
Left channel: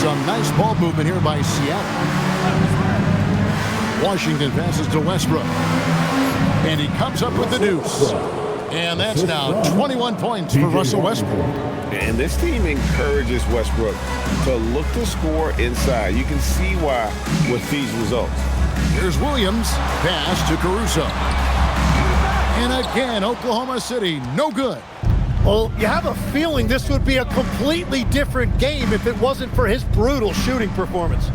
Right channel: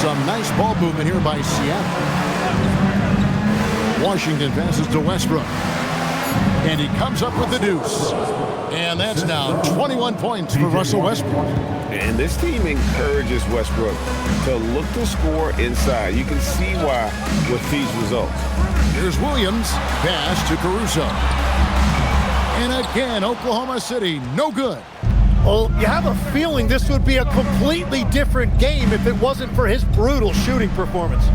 Some nice ball movement here by Seattle. Washington passes to Westbrook. And he comes up with the deuce. And that's now 21 points for Russell Westbrook. And this team encourages Westbrook to look to score inside. You can see why with these results. Here's Williams. Pass to Caruso. And again, Oklahoma City, no good. Well, you have a feeling this would be a completely different game if it wasn't for his brutal shooting performance.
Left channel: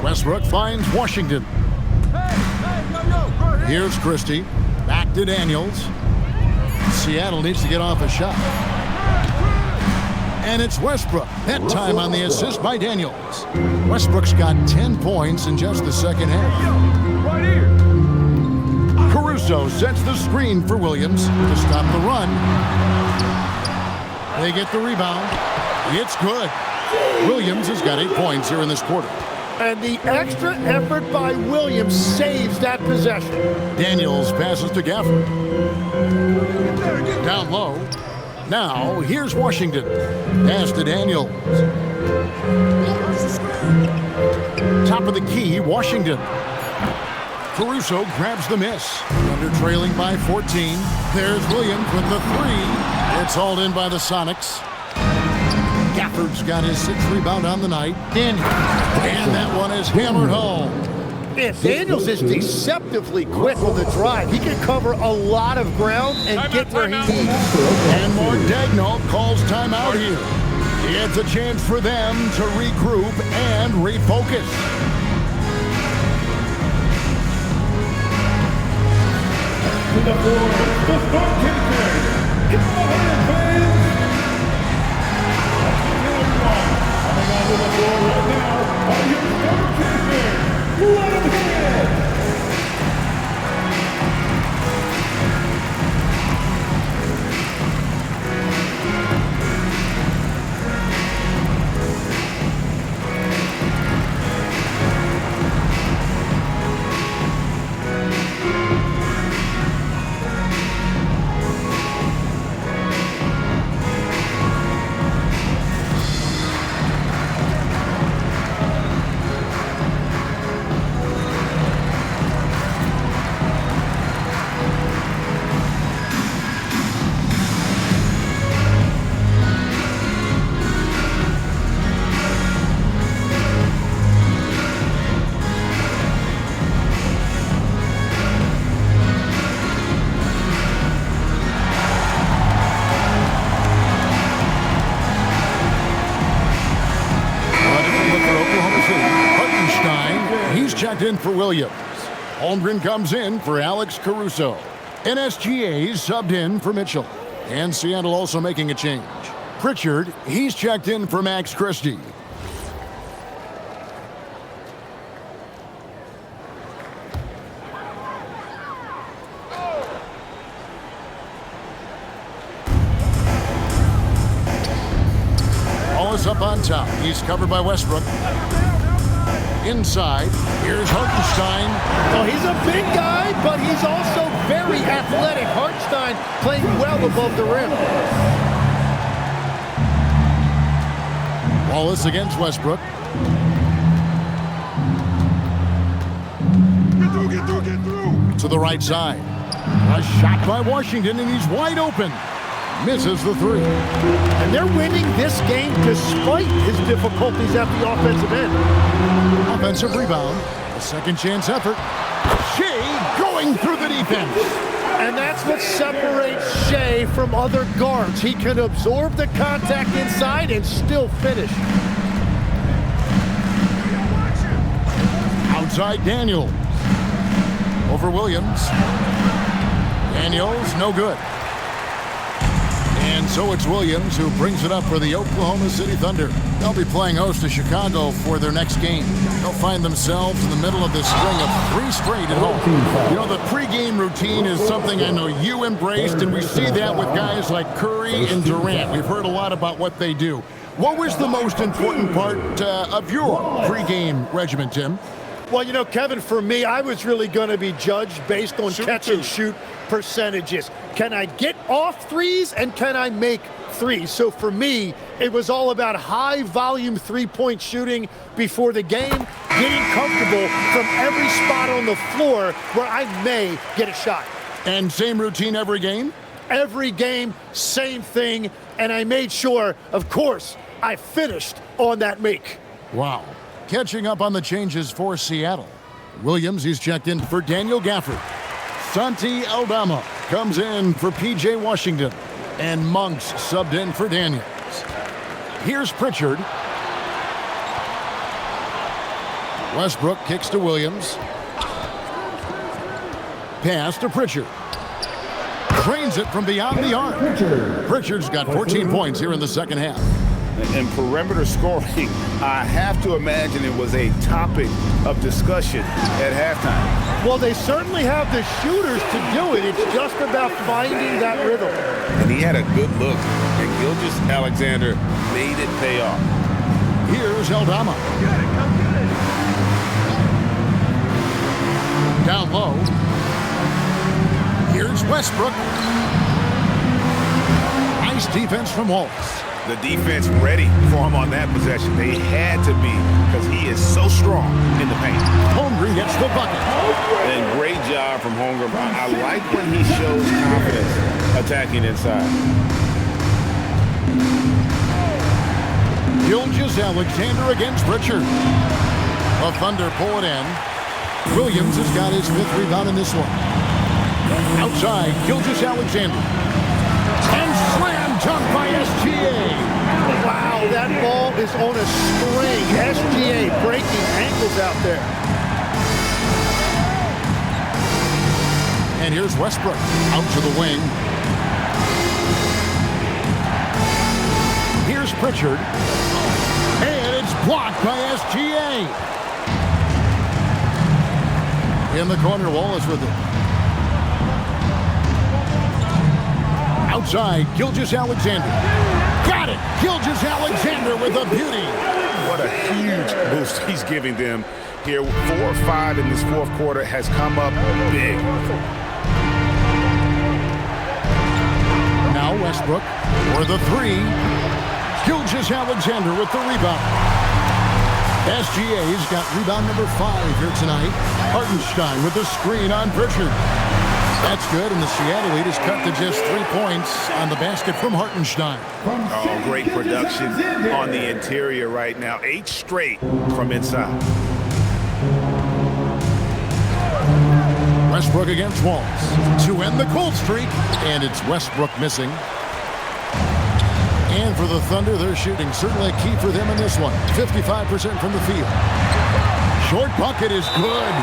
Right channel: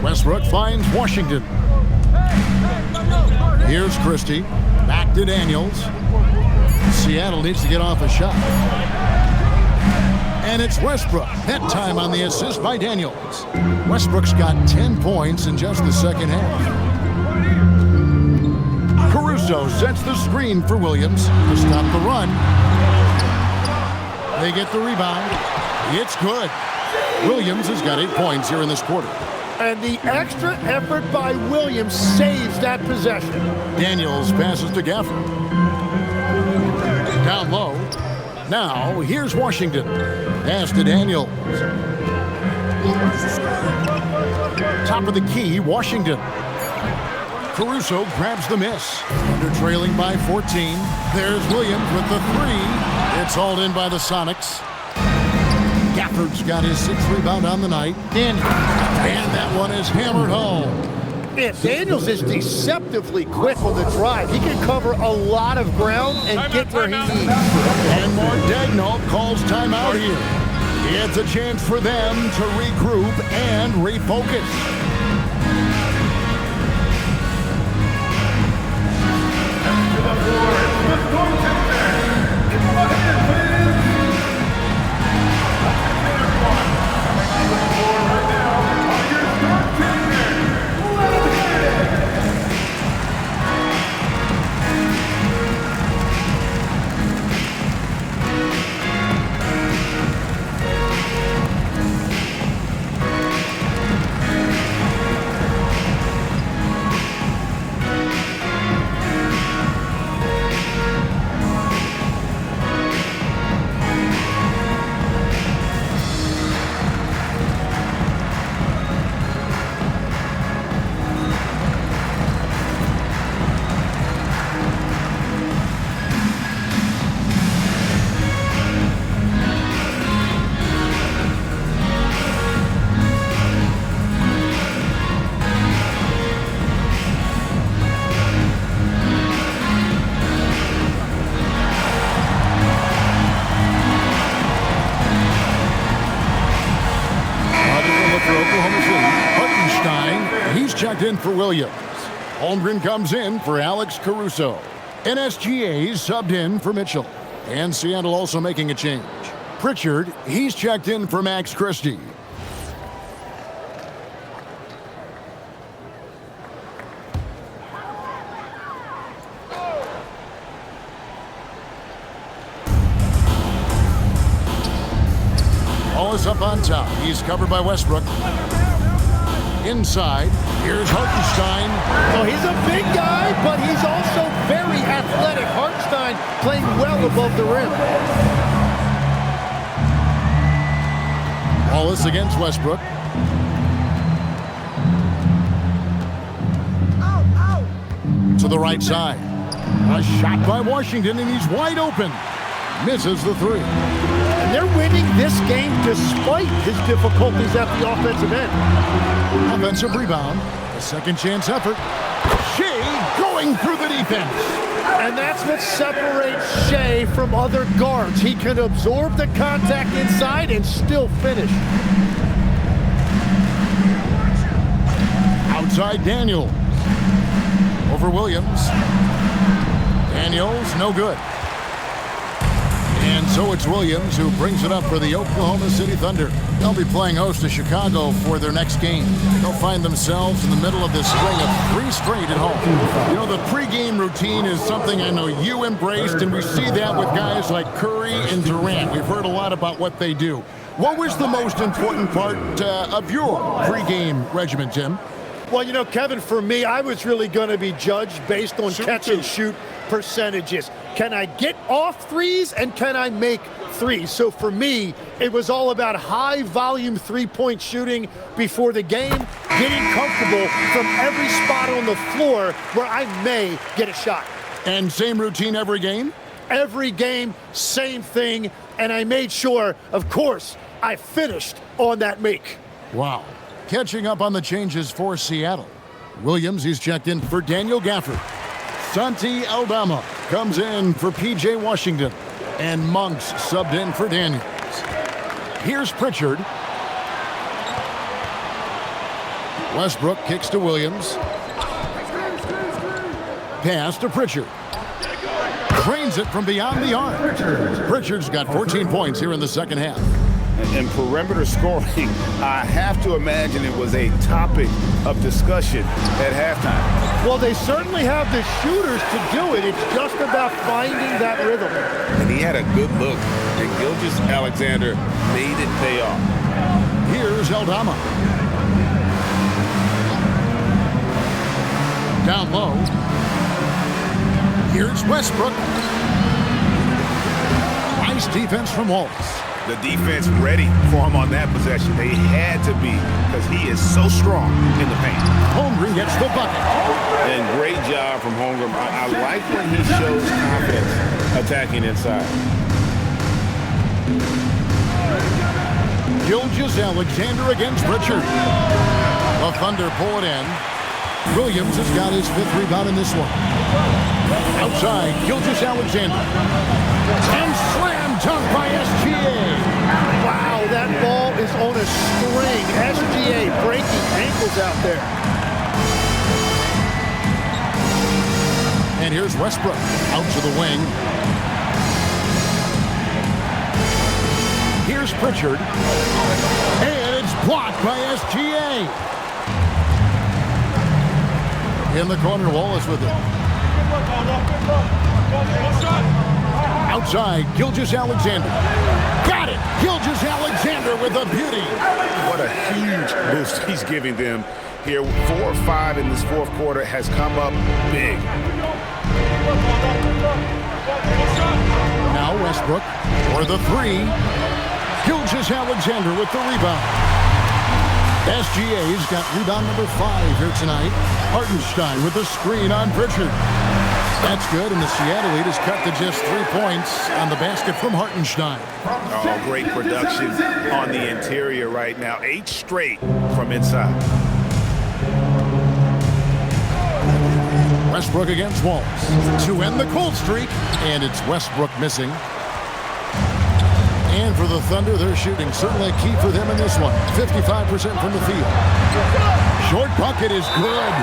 Westbrook finds Washington. Here's Christie. Back to Daniels. Seattle needs to get off a shot. And it's Westbrook. That time on the assist by Daniels. Westbrook's got 10 points in just the second half. Caruso sets the screen for Williams to stop the run. They get the rebound. It's good. Williams has got 8 points here in this quarter. And the extra effort by Williams saves that possession. Daniels passes to Gafford. Down low. Now, here's Washington. Pass to Daniels. Top of the key, Washington. Caruso grabs the miss. Under trailing by 14. There's Williams with the 3. It's hauled in by the Sonics. Gafford's got his 6th rebound on the night. Daniels. And that one is hammered home. Yeah, Daniels is deceptively quick on the drive. He can cover a lot of ground and get where he needs. And Mark Daigneault calls timeout here. It's a chance for them to regroup and refocus. To the floor, the storm chasers. Come ahead, fans. Attention, everyone. Coming onto the floor right now are your storm chasers. Let's get it. Oklahoma City, Hartenstein, he's checked in for Williams. Holmgren comes in for Alex Caruso. NSGA's subbed in for Mitchell. And Seattle also making a change. Pritchard, he's checked in for Max Christie. Wallace up on top. He's covered by Westbrook. Inside, here's Hartenstein. Oh, he's a big guy, but he's also very athletic. Hartenstein playing well above the rim. Wallace against Westbrook. To the right side. A shot by Washington, and he's wide open. Misses the three. And they're winning this game despite his difficulties at the offensive end. Offensive rebound. A second chance effort. Shea going through the defense. And that's what separates Shea from other guards. He can absorb the contact inside and still finish. Outside Daniels. Over Williams. Daniels, no good. And so it's Williams who brings it up for the Oklahoma City Thunder. They'll be playing host to Chicago for their next game. They'll find themselves in the middle of this string of 3 straight at home. You know, the pregame routine is something I know you embraced, and we see that with guys like Curry and Durant. We've heard a lot about what they do. What was the most important part of your pregame regimen, Tim? Well, you know, Kevin, for me, I was really going to be judged based on catch-and-shoot percentages. Can I get off threes and can I make threes? So for me, it was all about high-volume three-point shooting before the game, getting comfortable from every spot on the floor where I may get a shot. And same routine every game? Every game, same thing, and I made sure, of course, I finished on that make. Wow. Catching up on the changes for Seattle. Williams, he's checked in for Daniel Gafford. Santi Aldama comes in for P.J. Washington. And Monks subbed in for Daniels. Here's Pritchard. Westbrook kicks to Williams. Pass to Pritchard. Drains it from beyond the arc. Pritchard's got 14 points here in the second half. And perimeter scoring, I have to imagine it was a topic of discussion at halftime. Well, they certainly have the shooters to do it. It's just about finding that rhythm. And he had a good look, and Gilgeous-Alexander made it pay off. Here's Aldama. Down low. Here's Westbrook. Nice defense from Wallace. The defense ready for him on that possession. They had to be, because he is so strong in the paint. Holmgren gets the bucket. And great job from Holmgren. I like when he shows confidence attacking inside. Gilgeous-Alexander against Pritchard. The Thunder pull it in. Williams has got his 5th rebound in this one. Outside, Gilgeous-Alexander. And slam dunk by SGA. Wow, that ball is on a string. SGA breaking ankles out there. And here's Westbrook out to the wing. Here's Pritchard. And it's blocked by SGA. In the corner, Wallace with it. Outside, Gilgeous-Alexander. Got it! Gilgeous-Alexander with a beauty. What a huge boost he's giving them here. 4 or 5 in this fourth quarter has come up big. Now Westbrook for the 3. Gilgeous-Alexander with the rebound. SGA's got rebound number 5 here tonight. Hartenstein with the screen on Pritchard. That's good, and the Seattle lead is cut to just 3 points on the basket from Hartenstein. Oh, great production on the interior right now. 8 straight from inside. Westbrook against Wallace to end the cold streak, and it's Westbrook missing. And for the Thunder, their shooting certainly a key for them in this one. 55% from the field. Short bucket is good.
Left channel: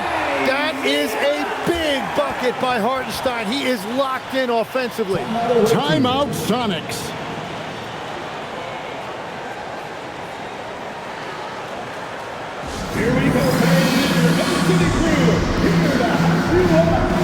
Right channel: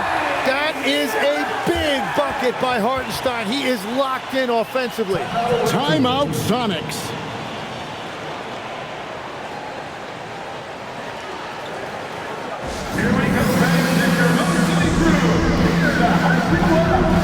That is a big bucket by Hartenstein. He is locked in offensively. Timeout, Sonics. Here we go, fans. Your Oklahoma City crew. Here to hype you up.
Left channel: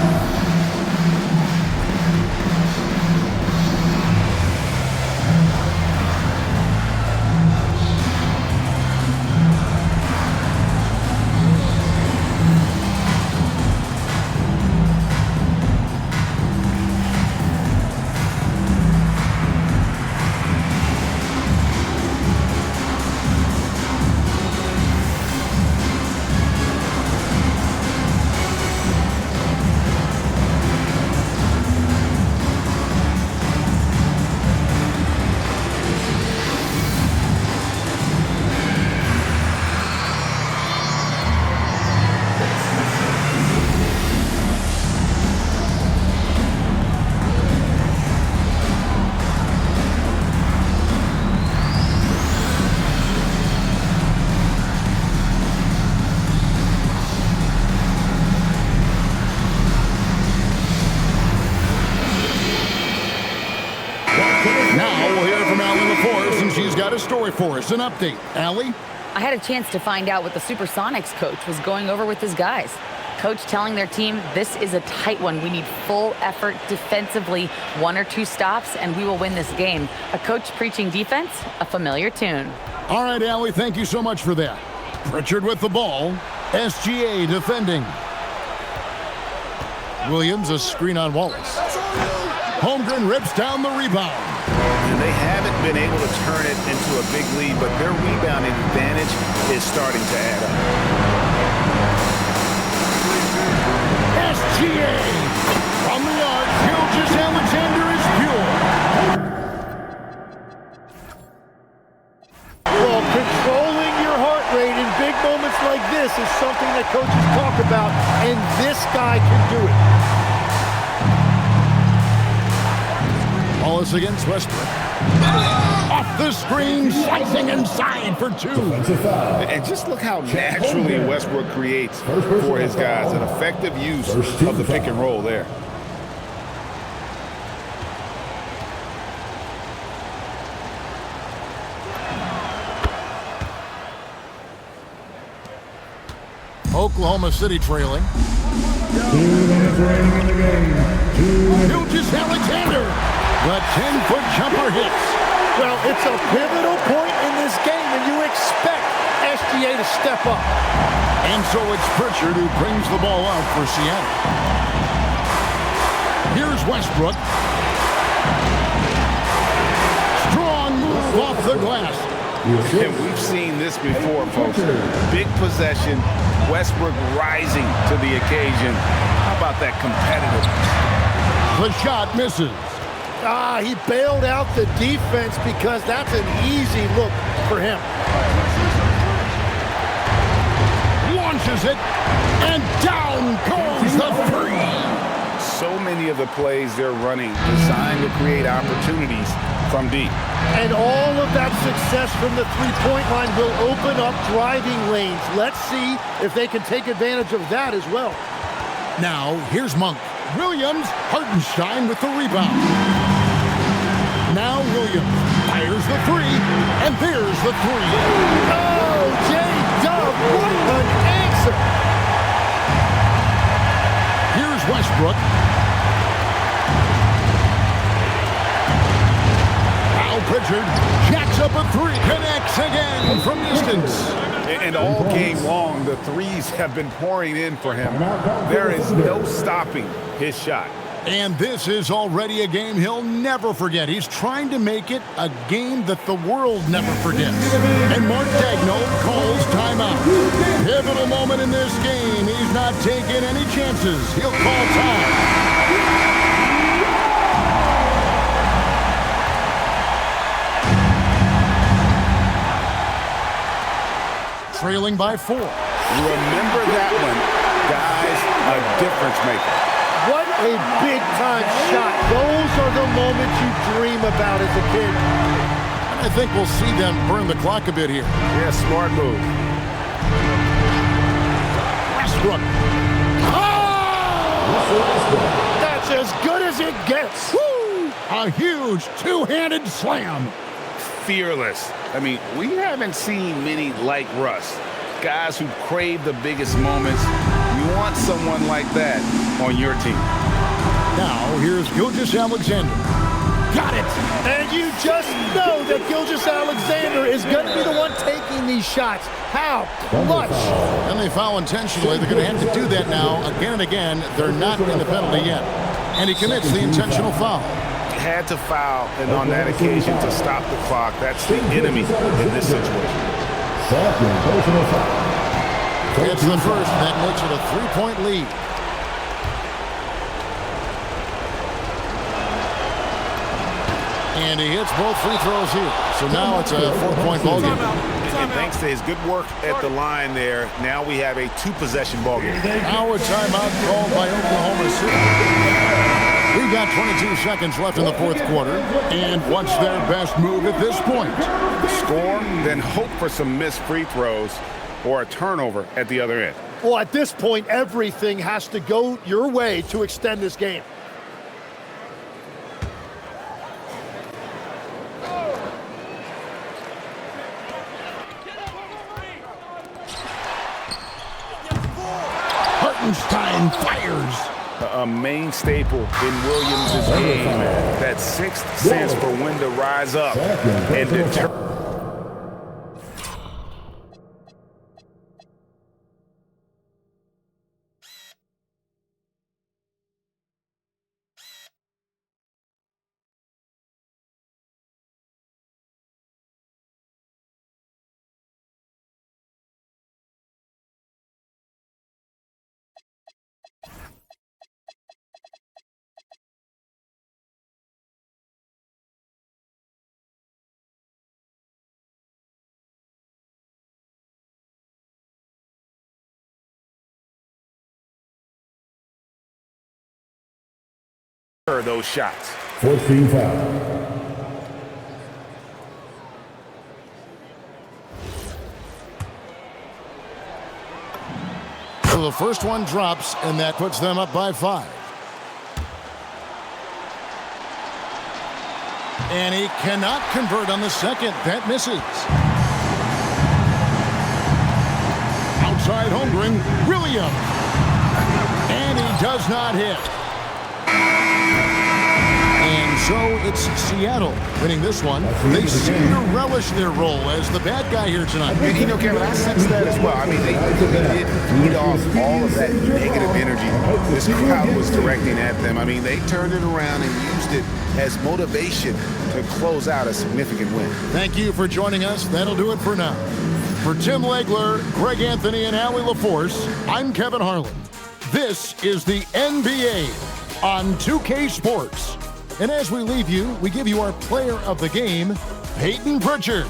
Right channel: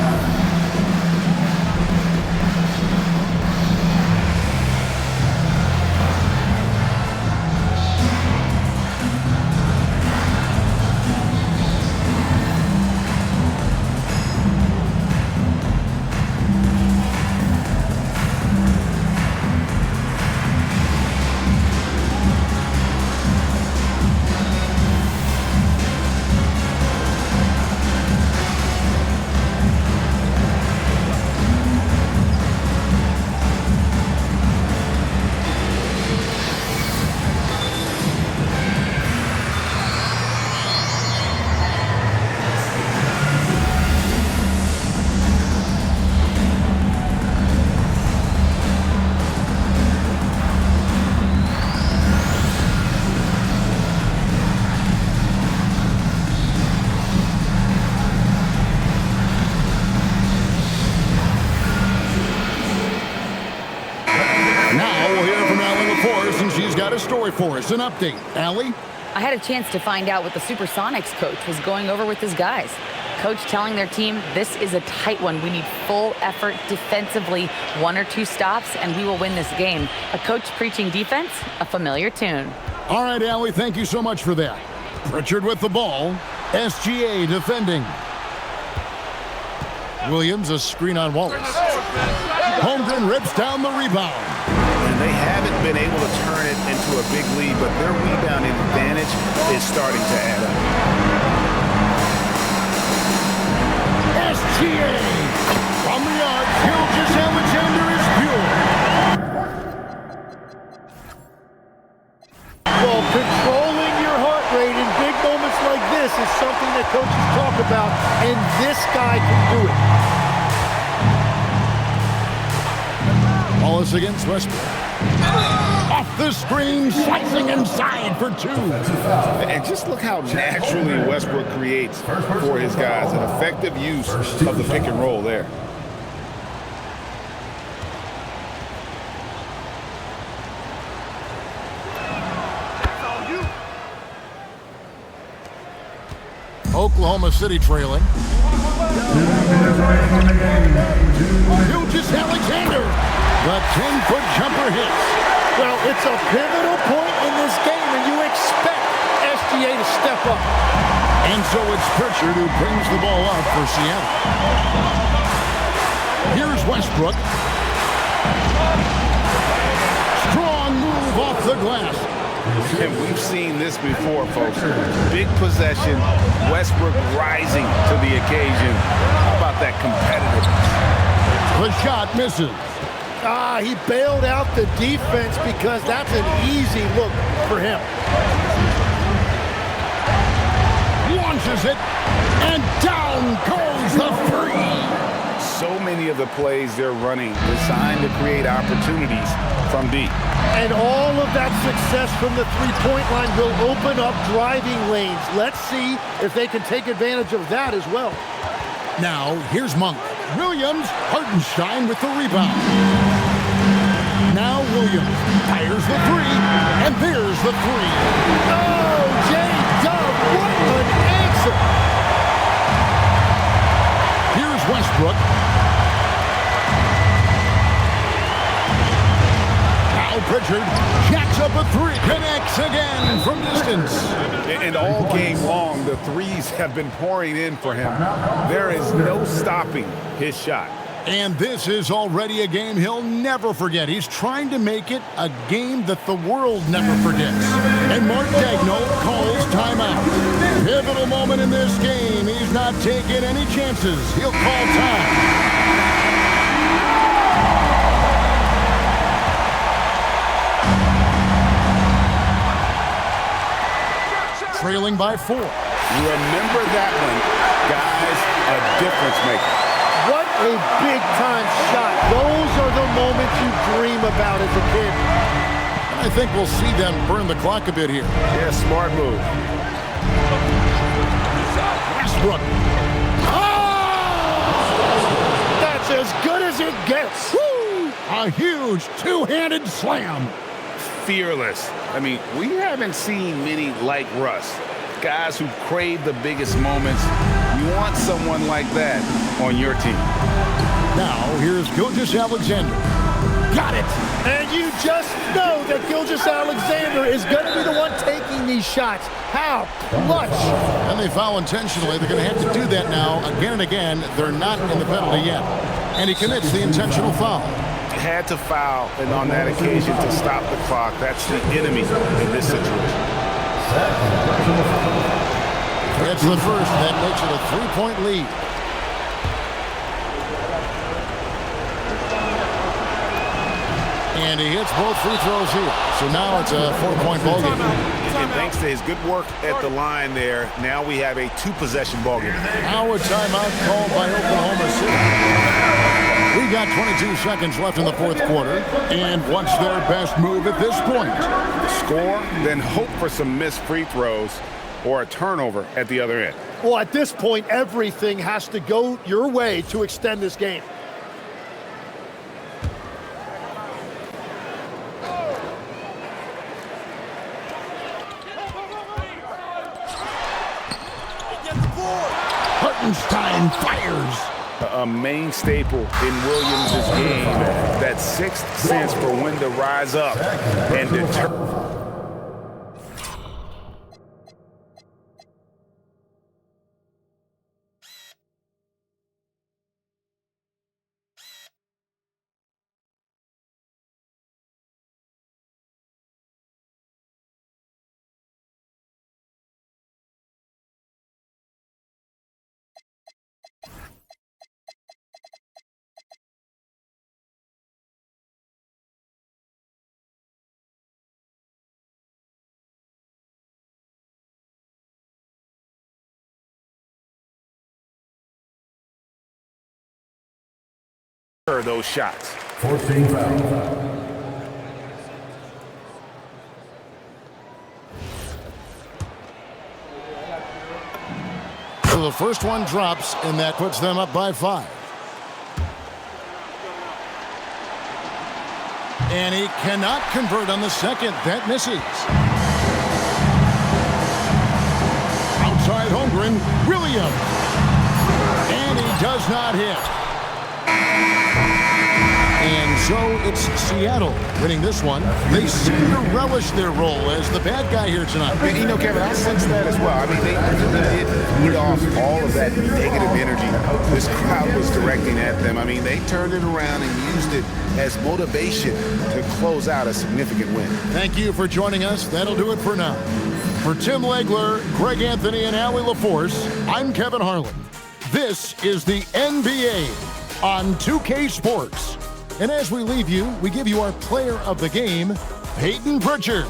Now we'll hear from Allie LaForce, and she's got a story for us. An update. Allie? I had a chance to find out what the Supersonics coach was going over with his guys. Coach telling their team, this is a tight one. We need full effort defensively, 1 or 2 stops, and we will win this game. A coach preaching defense, a familiar tune. All right, Allie, thank you so much for that. Pritchard with the ball. SGA defending. Williams, a screen on Wallace. Holmgren rips down the rebound. And they haven't been able to turn it into a big lead, but their rebounding advantage is starting to add up. SGA from the arc. Gilgeous-Alexander is pure. Well, controlling your heart rate in big moments like this is something that coaches talk about, and this guy can do it. Wallace against Westbrook. Off the screen, slicing inside for 2. And just look how naturally Westbrook creates for his guys. An effective use of the pick and roll there. Oklahoma City trailing. Gilgeous-Alexander. The 10-foot jumper hits. Well, it's a pivotal point in this game, and you expect SGA to step up. And so it's Pritchard who brings the ball out for Seattle. Here's Westbrook. Strong move off the glass. And we've seen this before, folks. Big possession, Westbrook rising to the occasion. How about that competitiveness? The shot misses. He bailed out the defense because that's an easy look for him. Launches it, and down goes the three. So many of the plays they're running designed to create opportunities from deep. And all of that success from the three-point line will open up driving lanes. Let's see if they can take advantage of that as well. Now, here's Monk. Williams, Hartenstein with the rebound. Now Williams fires the 3, and there's the 3. Oh, J-Dub, what an answer. Here's Westbrook. Now Pritchard jacks up a 3, connects again from distance. And all game long, the threes have been pouring in for him. There is no stopping his shot. And this is already a game he'll never forget. He's trying to make it a game that the world never forgets. And Mark Daigneault calls timeout. Pivotal moment in this game. He's not taking any chances. He'll call time. Trailing by 4. Remember that one, guys, a difference maker. What a big-time shot. Those are the moments you dream about as a kid. I think we'll see them burn the clock a bit here. Yeah, smart move. Westbrook. That's as good as it gets. Woo! A huge two-handed slam. Fearless. I mean, we haven't seen many like Russ. Guys who crave the biggest moments. You want someone like that on your team. Now, here's Gilgeous-Alexander. Got it! And you just know that Gilgeous-Alexander is going to be the one taking these shots. How clutch! And they foul intentionally. They're going to have to do that now again and again. They're not in the penalty yet. And he commits the intentional foul. Had to foul, and on that occasion to stop the clock. That's the enemy in this situation. It's the first. That makes it a 3-point lead. And he hits both free throws here. So now it's a 4-point ball game. And thanks to his good work at the line there, now we have a 2-possession ball game. Now a timeout called by Oklahoma City. We got 22 seconds left in the fourth quarter. And what's their best move at this point? Score, then hope for some missed free throws or a turnover at the other end. Well, at this point, everything has to go your way to extend this game. Hartenstein fires. A main staple in Williams' game. That sixth sense for when to rise up and deter. Those shots. 14 foul. So the first one drops, and that puts them up by 5. And he cannot convert on the second. That misses. Outside Holmgren, Williams. And he does not hit. And so it's Seattle winning this one. They seem to relish their role as the bad guy here tonight. You know, Kevin, I sense that as well. I mean, they really did feed off all of that negative energy this crowd was directing at them. I mean, they turned it around and used it as motivation to close out a significant win. Thank you for joining us. That'll do it for now. For Tim Legler, Greg Anthony, and Allie LaForce, I'm Kevin Harlan. This is the NBA on 2K Sports. And as we leave you, we give you our player of the game, Peyton Pritchard.